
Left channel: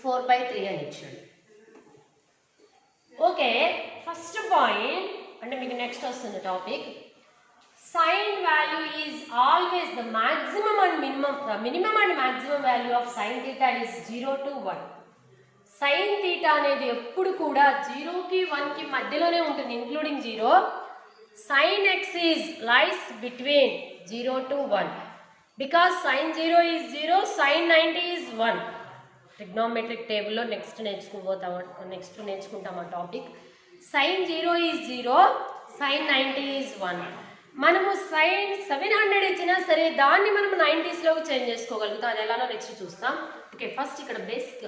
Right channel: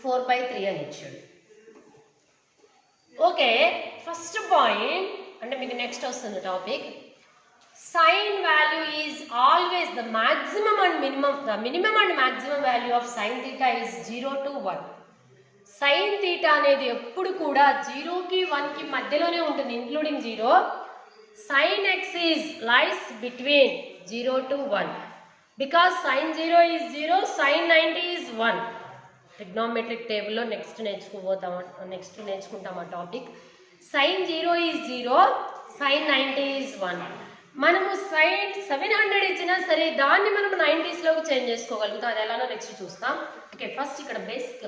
ఫోర్ బై 3 అని ఇచ్చాడు. ఓకే, ఫస్ట్ పాయింట్ అంటే మీకు నెక్స్ట్ వస్తుంది topic. Sine value is always the maximum and minimum. The minimum and maximum value of sine theta is 0 to 1. Sine theta అనేది ఎప్పుడు కూడా 0కి 1కి మధ్యలోనే ఉంటుంది, including 0. Sine x is lies between 0 to 1 because sine 0 is 0, sine 90 is 1. Trigonometric టేబుల్లో next నేర్చుకుంటాం ఆ topic. Sine 0 is 0, sine 90 is 1. మనము సైన్ 700 ఇచ్చినా సరే దాన్ని మనం 90స్లోకి చేంజ్ చేసుకోగలుగుతాం. అది ఎలానో నెక్స్ట్ చూస్తాం. ఓకే, ఫస్ట్ ఇక్కడ బేసిక్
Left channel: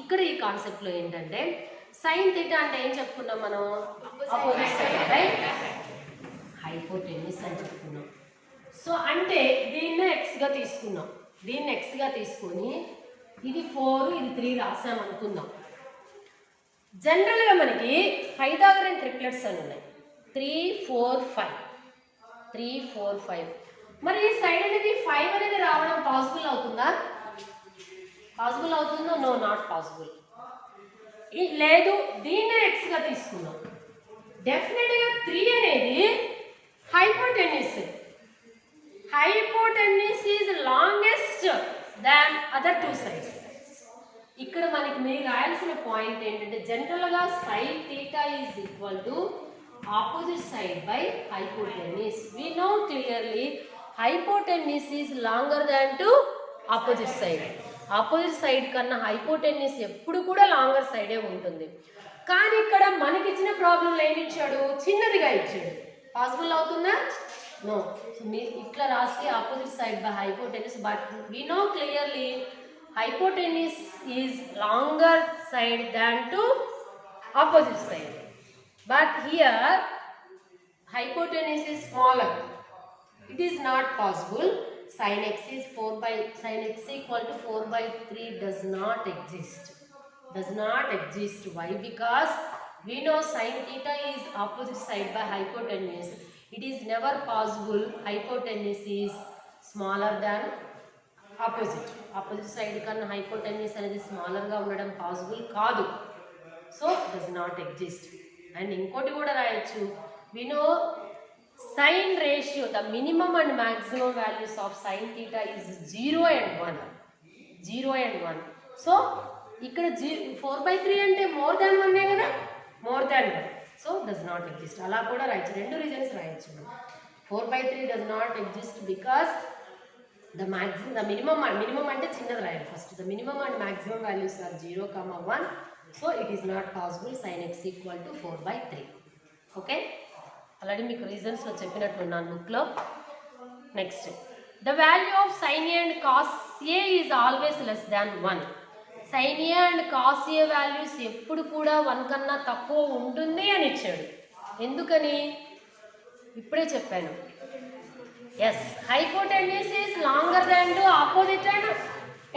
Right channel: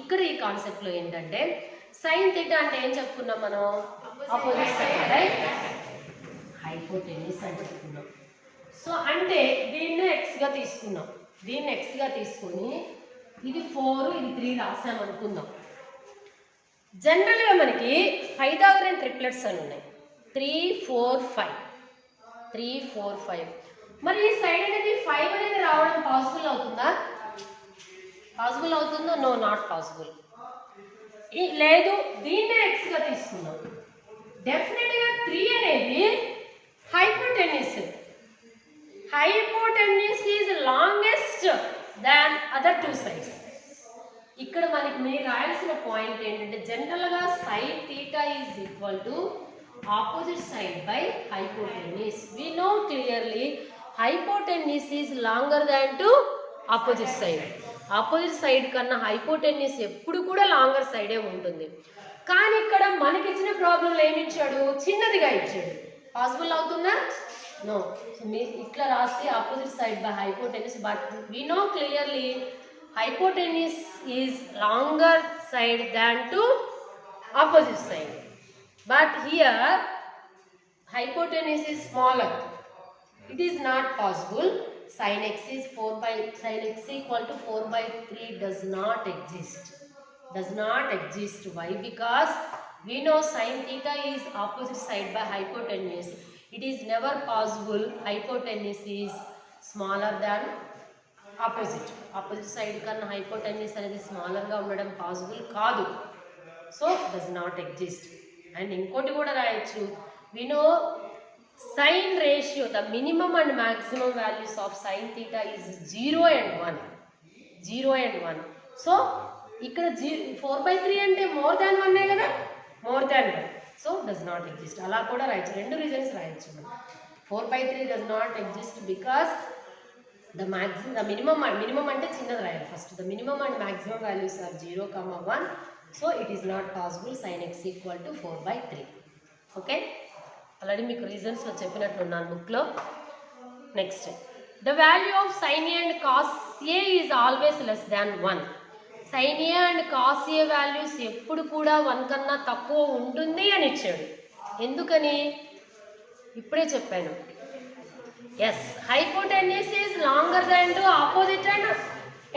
ఇక్కడ ఈ కాన్సెప్ట్లో ఏంటంటే సైన్ థీటా అంటే ఏం చెప్పుకున్నాం మనం? ఆపోజిట్ సైడ్ బై హైపోటెన్యూస్ అని చెప్పుకున్నాం. సో అంటే దీన్ని ఎక్స్గా తీసుకున్నాం. దీన్ని ఎక్స్గా తీసుకొని ఇది 4 ఇది 3 రాసామనుకుందాం. జనరల్గా మనకి పైథాగరన్ ట్రిప్లెట్స్ అని ఉన్నాయి, 3, 4, 5. 3, 4, 5. మరి ఈ సైడ్ అనేది 5 అనేది రావడం పాసిబుల్ అవుతుందా? పాసిబుల్ అవుతుందో? No, not possible. లేదు, దీన్నే ఎక్స్గా తీసుకున్నాం. డెఫినెట్గా 3 అనేది hypotenuse. Hypotenuse is longest than other 2 sides. ఇక్కడ మనకి మీరు రాయాల్సిన పాయింట్ ఏంటంటే జనరల్గా sine theta is equal to opposite side by hypotenuse. We know clearly hypotenuse is longer than to opposite side. Opposite side కన్నా హైపోటెన్యూస్ ఎప్పుడు కూడా లాంగర్ సైడే ఉంటుంది. కానీ ఇక్కడ మనకి ఇచ్చిన ప్రాబ్లంలో ఏమి ఇచ్చాడు, చిన్నదిగా ఇచ్చాడు. పాసిబుల్ అవుతుందా? నో. సో మీరు ఇట్లా రాసి opposite side by hypotenuse, but we know clearly hypotenuse is longer side than to opposite side, but here hypotenuse is smaller. It is not possible. Sin x is 4 by sin x equal to 4 by 3 does not exist. Does not exist. Why? Because we know sin theta is opposite side by hypotenuse. It is never possible hypotenuse is smaller than opposite side కన్నా hypotenuse అనేది స్మాలర్గా ఉండడం possible కాదు. So does not exist. And ఇంకోటి కూడా రాయొచ్చు, we know sine ratio, the minimum and maximum values of sine theta is 0 and 1. 0 and 1. So ఇక్కడ 4/3 అంటే మోర్ దాన్ 1 కదా, more than 1. So does not exist. అలా కూడా రాయొచ్చు, రెండు రీజన్స్ రాయొచ్చు మనం. 4/3 does not exist because the minimum అంటే చిన్నది రాయాలి first. the minimum and maximum values are 0, 1. so it is not possible sin x equal to 4/3. Okay, already మీకు రీజన్స్లో చెప్పినట్లున్నాను బుక్లో. Next, the value of sin a and cos a is always less than 1. sin a and cos a values ఎప్పుడు కూడా 1 కన్నా తక్కువ ఉంటుంది అని ఇచ్చాడు. ఎందుకని ఇప్పుడే చెప్పాను. Yes, hypotenuse is longer than the opposite and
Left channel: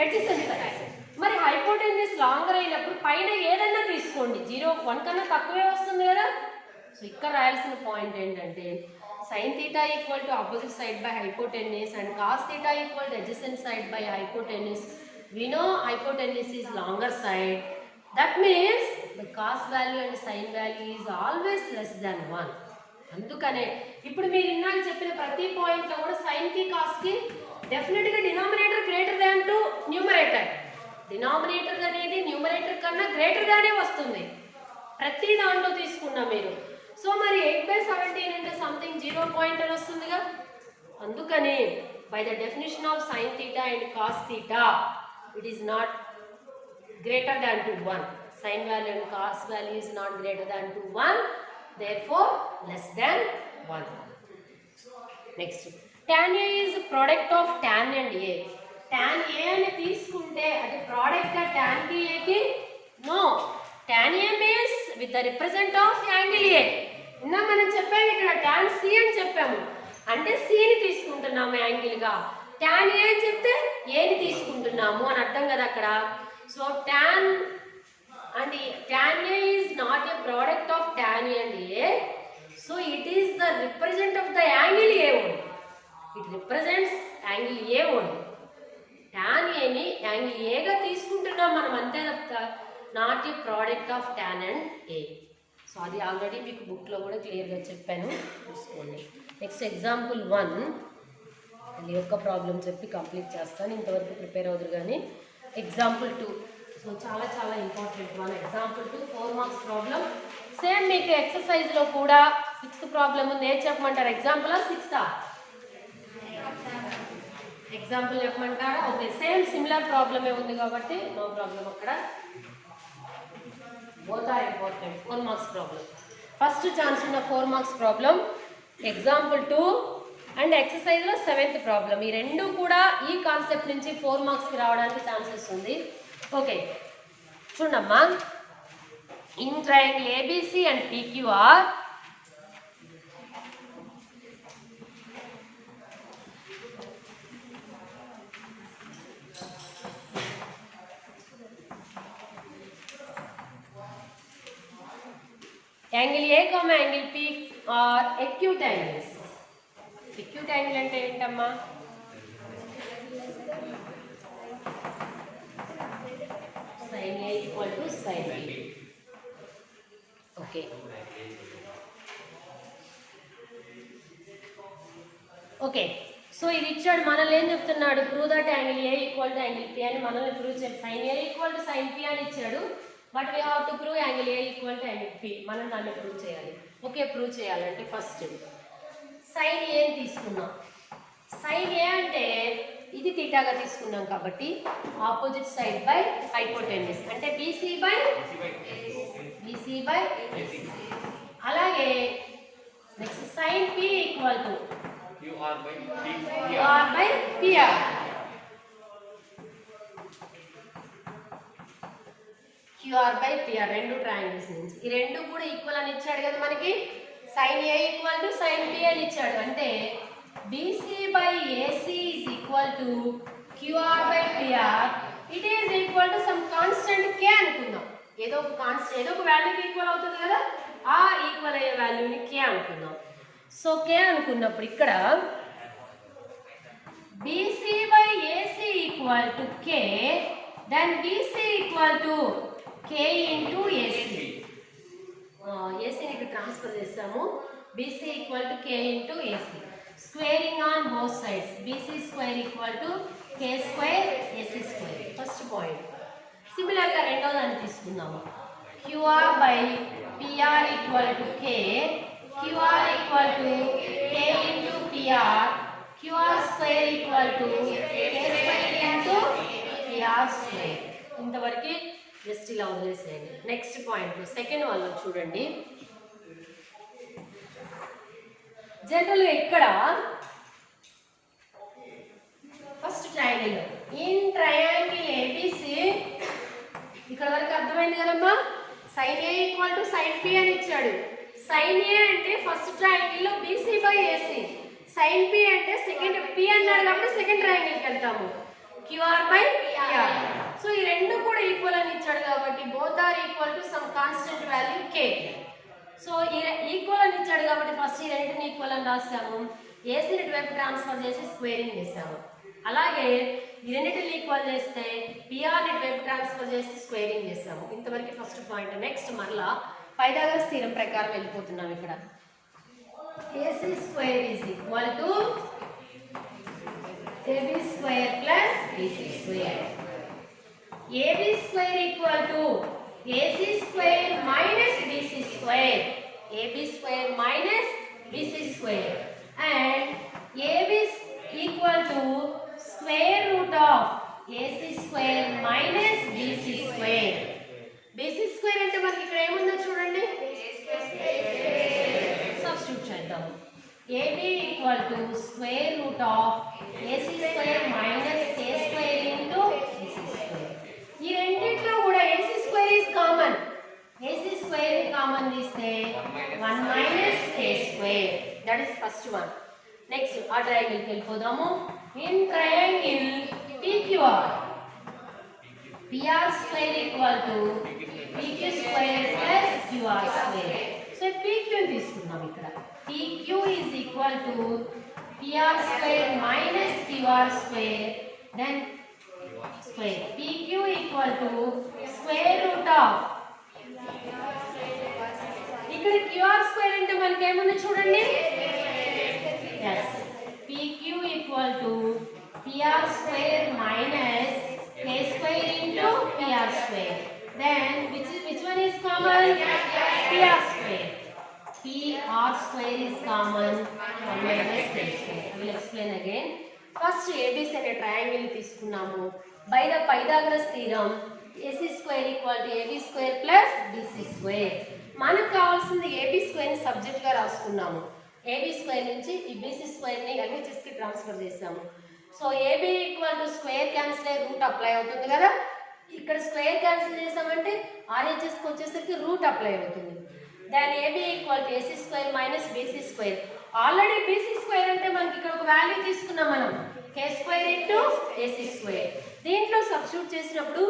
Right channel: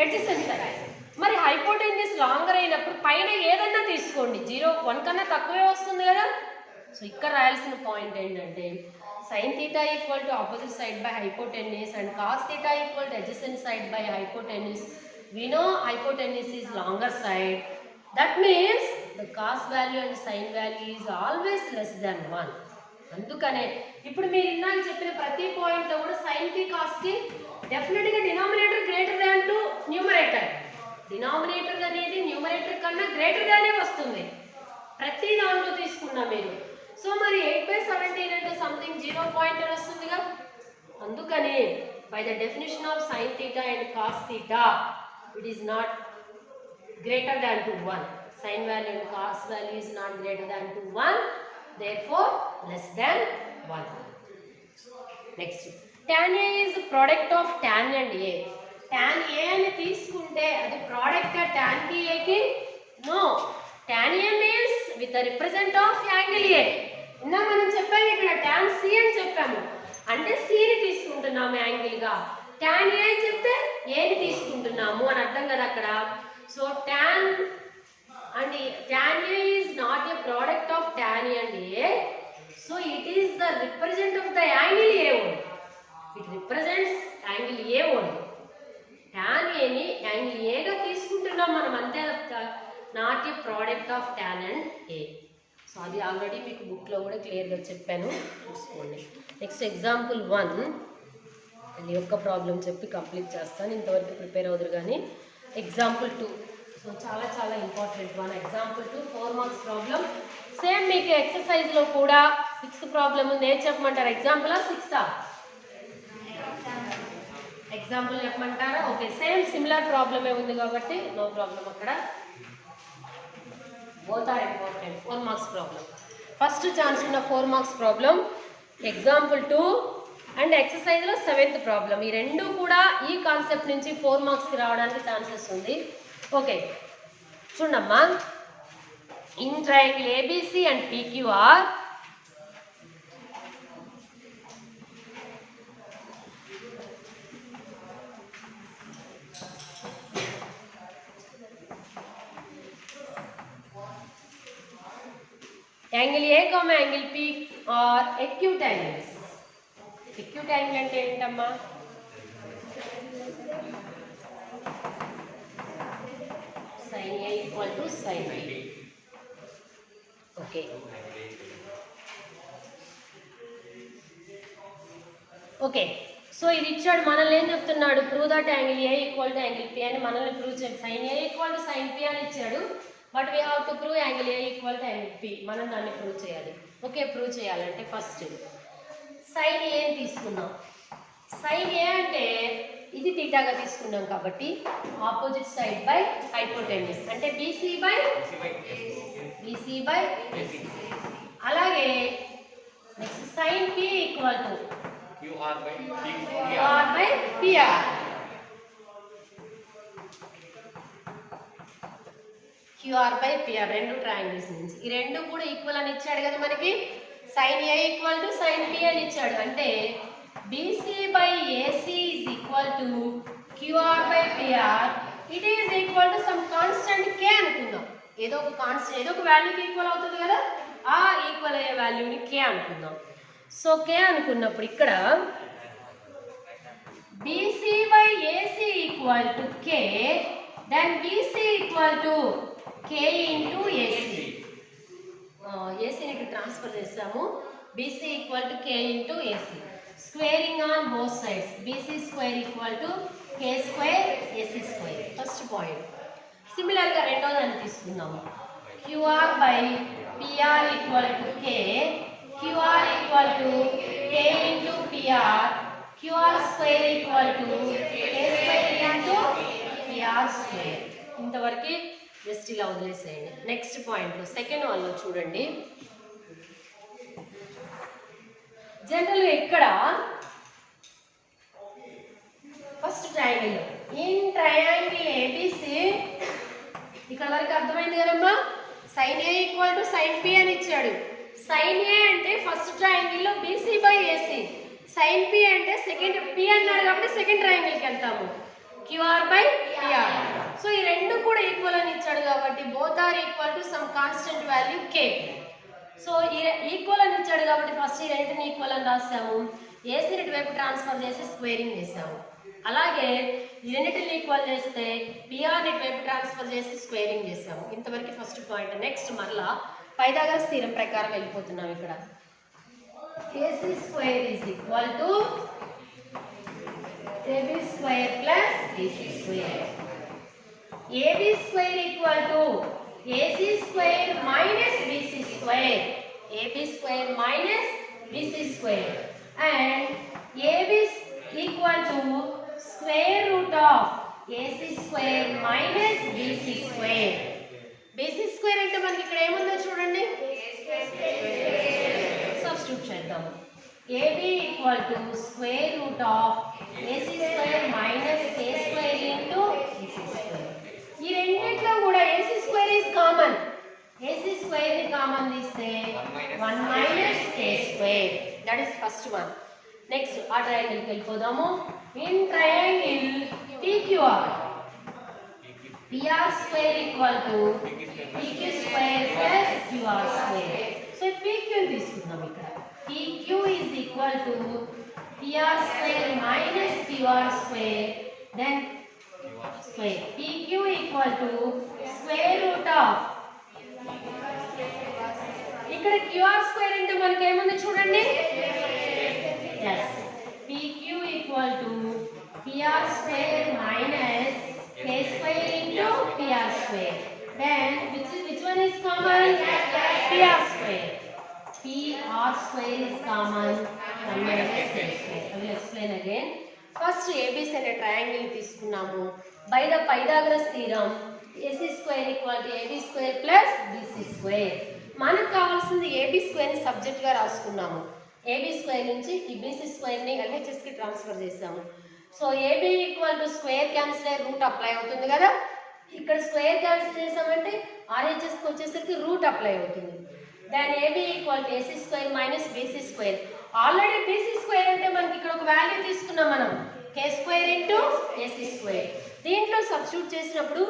adjacent side. మరి హైపోటెన్యూస్ లాంగర్ అయినప్పుడు పైన ఏదన్నా తీసుకోండి, 0, 1 కన్నా తక్కువే వస్తుంది కదా. సో ఇక్కడ రాయాల్సిన పాయింట్ ఏంటంటే sine theta equal to opposite side by hypotenuse and cos theta equal to adjacent side by hypotenuse. We know hypotenuse is longer side. That means the cos value and sine value is always less than 1. అందుకనే ఇప్పుడు మీరు ఇందాక చెప్పిన ప్రతి పాయింట్లో కూడా సైన్కి కాస్కి డెఫినెట్గా denominator greater than to numerator. Denominator అనేది న్యూమరేటర్ కన్నా గ్రేటర్గానే వస్తుంది ప్రతి దాంట్లో తీసుకున్నా మీరు. సో మరి 8/17 అంటే సంథింగ్ 0 పాయింట్ అని వస్తుందిగా. అందుకని by the definition of sine theta and cos theta it is not greater than to 1. Sign value and cos value is not greater than to 1. therefore less than 1. next, tan a is product of tan and a. tan a అని తీసుకుంటే అది product tan కి a కి? no, tan a means with the represent of angle a. ఇందా మనం చెప్పాము ఇక్కడ tan c అని చెప్పాము, అంటే c ని తీసుకుంటున్నాము యాంగిల్ గా. tan a అని చెప్తే a ని తీసుకుంటున్నాము అని అర్థం కదా అక్కడ. So tan and tan a is not a product of tan a and a, so it is the represent of the angle a only. It represents angle a only. tan a ని angle a గా తీసుకుంటున్నాం మనం అంతే తప్ప not a product of tan and a. So అది already మీకు బుక్లో కూడా క్లియర్గా చెప్పాను, చూసుకోండి. నెక్స్ట్ ఎగ్జాంపుల్ 1 అది యొక్క ప్రాబ్లం చెప్పి కంప్లీట్ చేస్తాను, ఇంతవరకు ప్రిపేర్ అవుతారు. కానీ ఎగ్జాంపుల్ 2 సో చాలా చాలా important one. Example 2 4 marks problem. Same మీకు ఎక్సర్సైజ్లో కూడా 6th ప్రాబ్లం ఉంది. ఏది చెప్పమంటారు, ఎగ్జాంపుల్ 6th? ఎగ్జాంపుల్ చెప్పమంటారా? ఓకే, సేమ్ సిమిలర్ ప్రాబ్లమే ఉంది కాబట్టి నో ప్రాబ్లం అక్కడ. Both are important. 4 marks problem. First chance ఉన్న 4 మార్క్స్ ప్రాబ్లం ఎగ్జాంపుల్ 2 అండ్ ఎక్సర్సైజ్లో 7th ప్రాబ్లం. ఈ రెండు కూడా ఈ కాన్సెప్ట్ నుంచి 4 మార్క్స్కి రావడానికి ఛాన్సెస్ ఉంది. ఓకే చూడమ్మా, in triangle ABC and PQR angle A comma angle P R acute angles. Acute angle అంటే ఏంటమ్మా? sin a equal to sin b. Okay. Okay, so ఇది ఇచ్చాడు. మనల్ని ఏం చెప్తున్నాడు, prove that angle A equal to angle P అని మనల్ని prove చేయాలి. Sine A equal to sine P అని ఇచ్చాడు, but we have to prove angle A equal to angle P. మనం దాన్ని ప్రూవ్ చేయాలి. ఓకే, ప్రూవ్ చేయాలంటే ఫస్ట్ సైన్ ఏని తీసుకుందాం. సైన్ ఏ అంటే ఇది తీటాగా తీసుకున్నాం కాబట్టి ఆపోజిట్ సైడ్ బై హైపోటెన్యూస్ అంటే బీసీ బై అలాగే next sine P equal to QR by PR. QR by PR రెండు ట్రయాంగిల్స్ నుంచి ఈ రెండు కూడా ఈక్వల్ అని ఇచ్చాడు కదా మనకి. Sine A equal to sine P అని ఇచ్చాడు అంటే BC by AC is equal to QR by PR. It is equal to some constant K అనుకుందాం. ఏదో ఒక కాన్స్టెంట్ ఏదో ఒక వాల్యూకి ఈక్వల్ అవుతుంది కదా, ఆ ఈక్వల్ అయ్యే వాల్యూని కే అనుకుందాం. సో కే అనుకున్నప్పుడు ఇక్కడ BC by AC equal to K, then BC equal to K into AC. ఏసీని ఇక్కడ ట్రాన్స్ఫర్ చేసాము. BC equal to K into AC. Squaring on both sides. BC square equal to K square AC square. First point. సిమిలర్గా రెండో దాన్ని తీసుకుందాము. QR by PR equal to K, QR equal to K into PR, QR square equal to K square into PR square. ఇంతవరకు just ఇలా వదిలేసేయండి. Next point second వన్లో చూడండి. జనరల్గా ఇక్కడ first triangle in triangle ABC ఇక్కడ వరకు అర్థమైంది కదమ్మా. Sine A equal to sine P అని ఇచ్చాడు. సైన్ ఏ అంటే ఫస్ట్ ట్రయాంగిల్లో BC by AC, sine P అంటే సెకండ్ పి అన్నాడు కాబట్టి సెకండ్ ట్రయాంగిల్కి వెళ్తాము క్యూఆర్ బై పిఆర్. సో ఈ రెండు కూడా ఈక్వల్ అని ఇచ్చాడు కాబట్టి both are equal to some constant value K. So ఈ ఈక్వల్ అని ఇచ్చాడు కాబట్టి ఫస్ట్ ఈ రెండుని ఈక్వల్ అని రాసాము. ఏసీని ఇటువైపు ట్రాన్స్ఫర్ చేసి స్క్వేరింగ్ చేసాము. అలాగే ఈ రెండింటిని ఈక్వల్ చేస్తే పిఆర్ ఇటువైపు ట్రాన్స్ఫర్ చేసి స్క్వేరింగ్ చేసాము. ఇంతవరకు ఫస్ట్ పాయింట్. నెక్స్ట్ మరలా పైథాగరస్ థీరం ప్రకారం వెళ్ళిపోతున్నాం. ఇక్కడ AC square is equal to AB square plus BC square. AB square equal to AC square minus BC square. AB square minus BC square and AB equal to square root of AC square minus BC square. BC square అంటే మనకి ఇక్కడ ఏముందో చూడండి, substitute చేద్దాము. AB equal to square root of AC square minus K square into BC square. ఈ రెండిట్లో కూడా AC square is common. AC square ని కామన్ తీస్తే 1 minus K square. That is first one. Next ఆ ట్రయాంగిల్కి వెళ్ళిపోదాము. In triangle PQR PR square equal to PQ square plus QR square. So PQ తీసుకుందాం. ఇక్కడ PQ is equal to PR square minus QR square then square. PQ equal to square root of ఇక్కడ QR square అంటే మనకి ఏముంది చూడండి. yes PQ equal to PR square minus K square into PR square. then which one is common? PR square. PR square is common 1 minus K square. I will explain again. First ABC అనే triangle తీసుకున్నాము. By the Pythagoras theorem AC square equal to AB square plus BC square. మనకు కావాల్సింది AB square ని subject గా రాసుకున్నాము. AB square నుంచి ఈ BC square ని LHS కి ట్రాన్స్ఫర్ చేసాము. So AB equal to square cancel అయ్యి రూట్ అప్లై అవుతుంది కదా. ఇక్కడ స్క్వేర్ క్యాన్సిల్ చేసామంటే RHS కి వచ్చేసరికి రూట్ అప్లై అవుతుంది. దాని AB equal to AC square minus BC square. Already BC square అంటే మనకి ఇక్కడ ఒక వాల్యూ తీసుకున్నాం మనం, K square into AC square. దీంట్లో సబ్స్టిట్యూట్ చేసినప్పుడు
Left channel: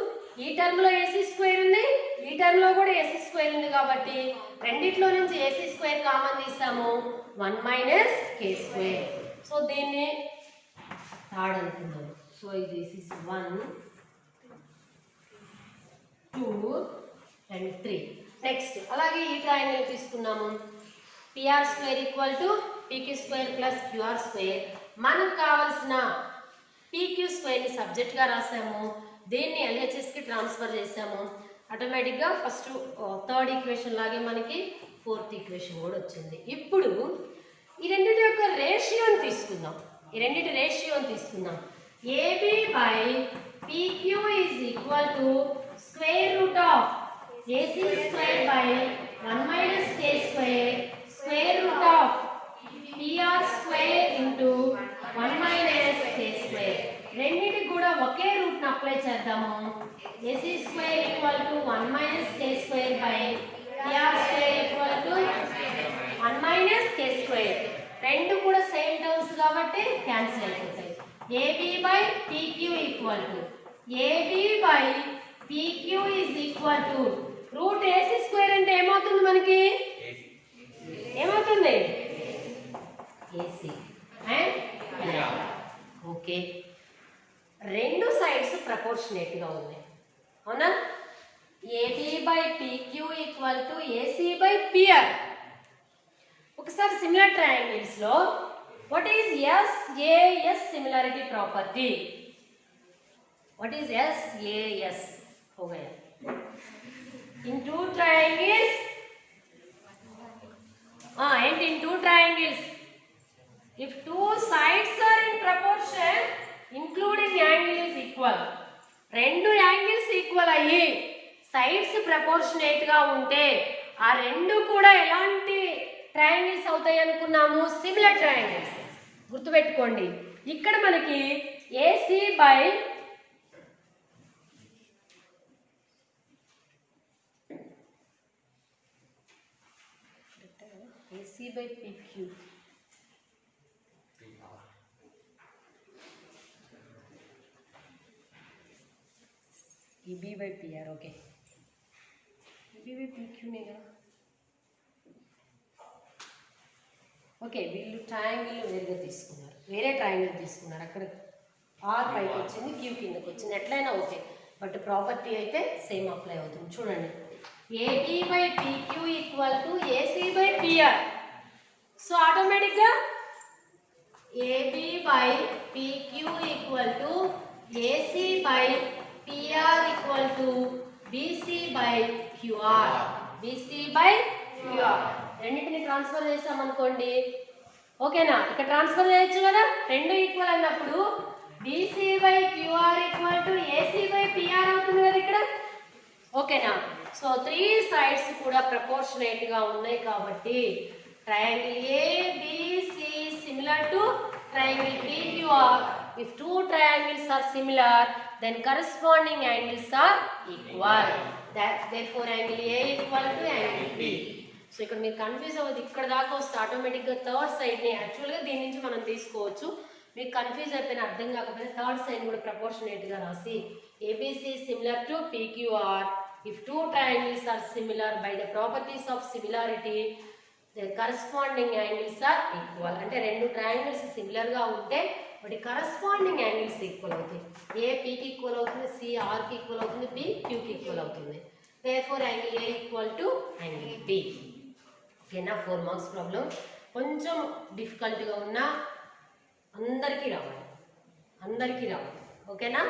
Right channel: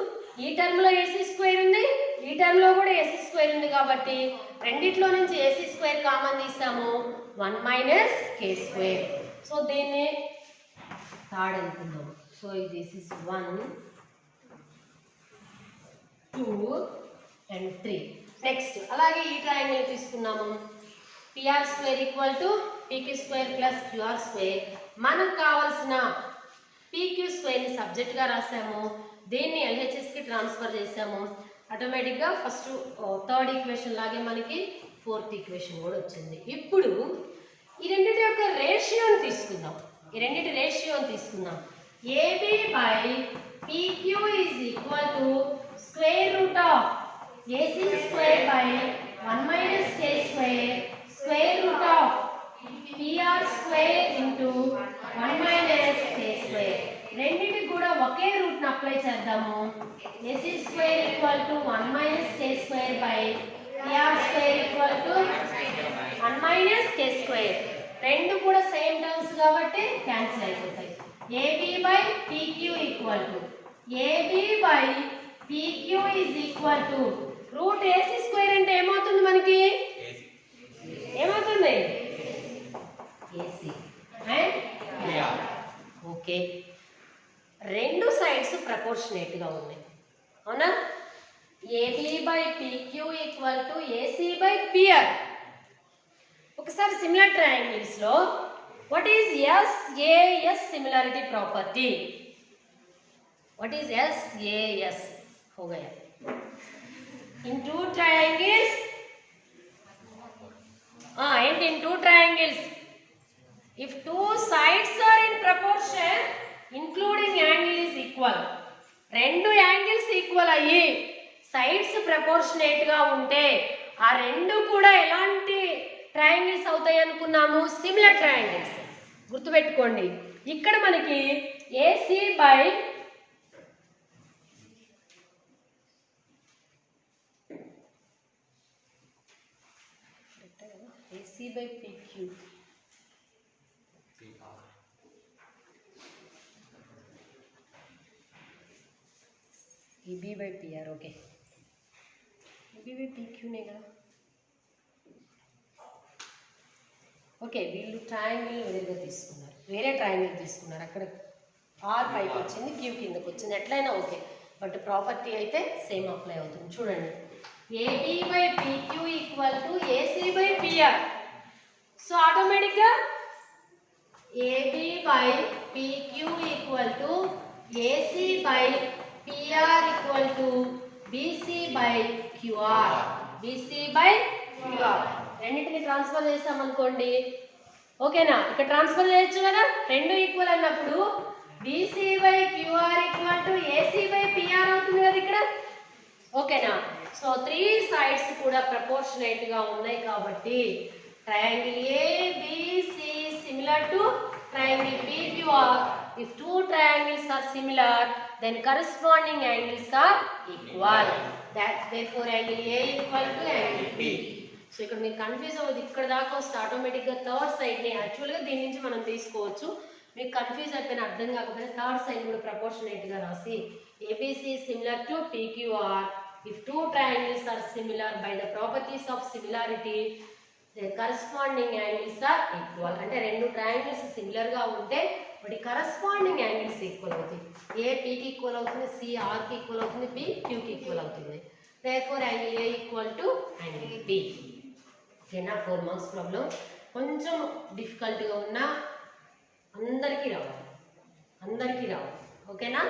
ఈ టర్మ్ లో AC స్క్వేర్ ఉంది, ఈ టర్మ్ లో కూడా AC స్క్వేర్ ఉంది కాబట్టి రెండిట్లో నుంచి AC స్క్వేర్ కామన్ తీసాము 1 మైనస్ K స్క్వేర్. సో దీన్ని థర్డ్ అనుకుందాం. So this is 1 2 and 3. Next అలాగే ఈ ట్రయాంగిల్ తీసుకున్నాము. PR square equal to PQ square plus QR square. మనకు కావాల్సిన PQ స్క్వేర్ని సబ్జెక్ట్గా రాసాము. దీన్ని LHS కి ట్రాన్స్ఫర్ చేసాము. ఆటోమేటిక్గా ఫస్ట్ థర్డ్ ఈక్వేషన్ లాగే మనకి ఫోర్త్ ఈక్వేషన్ కూడా వచ్చింది. ఇప్పుడు ఈ రెండింటి యొక్క రేషియోని తీసుకుందాం. ఈ రెండింటి రేషియోని తీసుకుందాం. AB by PQ is equal to square root of AC square by 1 minus K square square root of PR square into 1 minus K square. రెండింటికి కూడా ఒకే రూట్ని అప్లై చేద్దాము. AC square equal to 1 minus K square by PR square equal to 1 minus K square. రెండు కూడా same terms కాబట్టి cancel అయిపోతాయి. AB by PQ equal to AB by PQ is equal to root AC square అంటే ఏమవుతుంది మనకి? ఏమవుతుంది? AC and okay. రెండు sides ప్రపోర్షనేట్గా ఉన్నాయి, అవునా? AB by PQ equal to AC by PR. ఒకసారి సిమిలర్ ట్రయాంగిల్స్ లో what is SAS similarity property? What is SAS? हो गया. In two triangles and in two triangles if two sides are in proportion including angle is equal. రెండు angles equal అయ్యి sides proportionate గా ఉంటే ఆ రెండు కూడా ఎలాంటి ట్రయాంగిల్స్ అవుతాయి అనుకున్నాము? Similar triangles. గుర్తుపెట్టుకోండి, ఇక్కడ మనకి AC by PQ EB by PR. Okay, EB by పిక్యూనే కదా. ఓకే, వీళ్ళు ట్రయాంగిల్ వేరుగా తీసుకున్నారు, వేరే ట్రయాంగిల్ తీసుకున్నారు. అక్కడ ఆర్ పైకి వచ్చింది, క్యూ కిందకి వచ్చింది. ఎట్లయినా ఓకే, బట్ ప్రాపర్టీ అయితే సేమ్ అప్లై అవుతుంది. చూడండి, AB by PQ equal to AC by PR. So ఆటోమేటిక్గా AB by PQ equal to AC by PR equal to BC by QR. BC by QR రెండింటిని transfer చేసామనుకోండి, ఓకేనా? ఇక్కడ transfer చేయొచ్చు కదా, రెండు ఈక్వల్ అన్నప్పుడు BC by QR equal to AC by PR అవుతుంది కదా ఇక్కడ, ఓకేనా? సో త్రీ సైడ్స్ కూడా ప్రపోర్షనేట్గా ఉన్నాయి కాబట్టి triangle ABC similar to triangle PQR. If two triangles are similar, then corresponding angles are equal. That's therefore angle A equal to angle B. So ఇక్కడ మీరు కన్ఫ్యూజ్ అవ్వదు, ఇక్కడ దాకా వస్తే ఆటోమేటిక్గా థర్డ్ సైడ్ని యాక్చువల్గా దీని నుంచి మనం తీసుకోవచ్చు. మీకు కన్ఫ్యూజ్ అయిపోయిన అర్థం కాకపోతే థర్డ్ సైడ్ కూడా ప్రపోర్షనేట్గా రాసి ABC similar to PQR. If two triangles are similar by the properties of similarity the corresponding angles are equal. అంటే రెండు ట్రయాంగిల్స్ సిమిలర్గా ఉంటే వాటి కరస్పాండింగ్ యాంగిల్స్ ఈక్వల్ అవుతాయి. ఏ పీకి ఈక్వల్ అవుతుంది, సి ఆర్కి ఈక్వల్ అవుతుంది, బి క్యూకి ఈక్వల్ అవుతుంది. therefore angle A equal to angle B. ఓకేనా? 4 మార్క్స్ ప్రాబ్లం కొంచెం డిఫికల్ట్గా ఉన్నా అందరికీ రావాలి, ఓకేనా?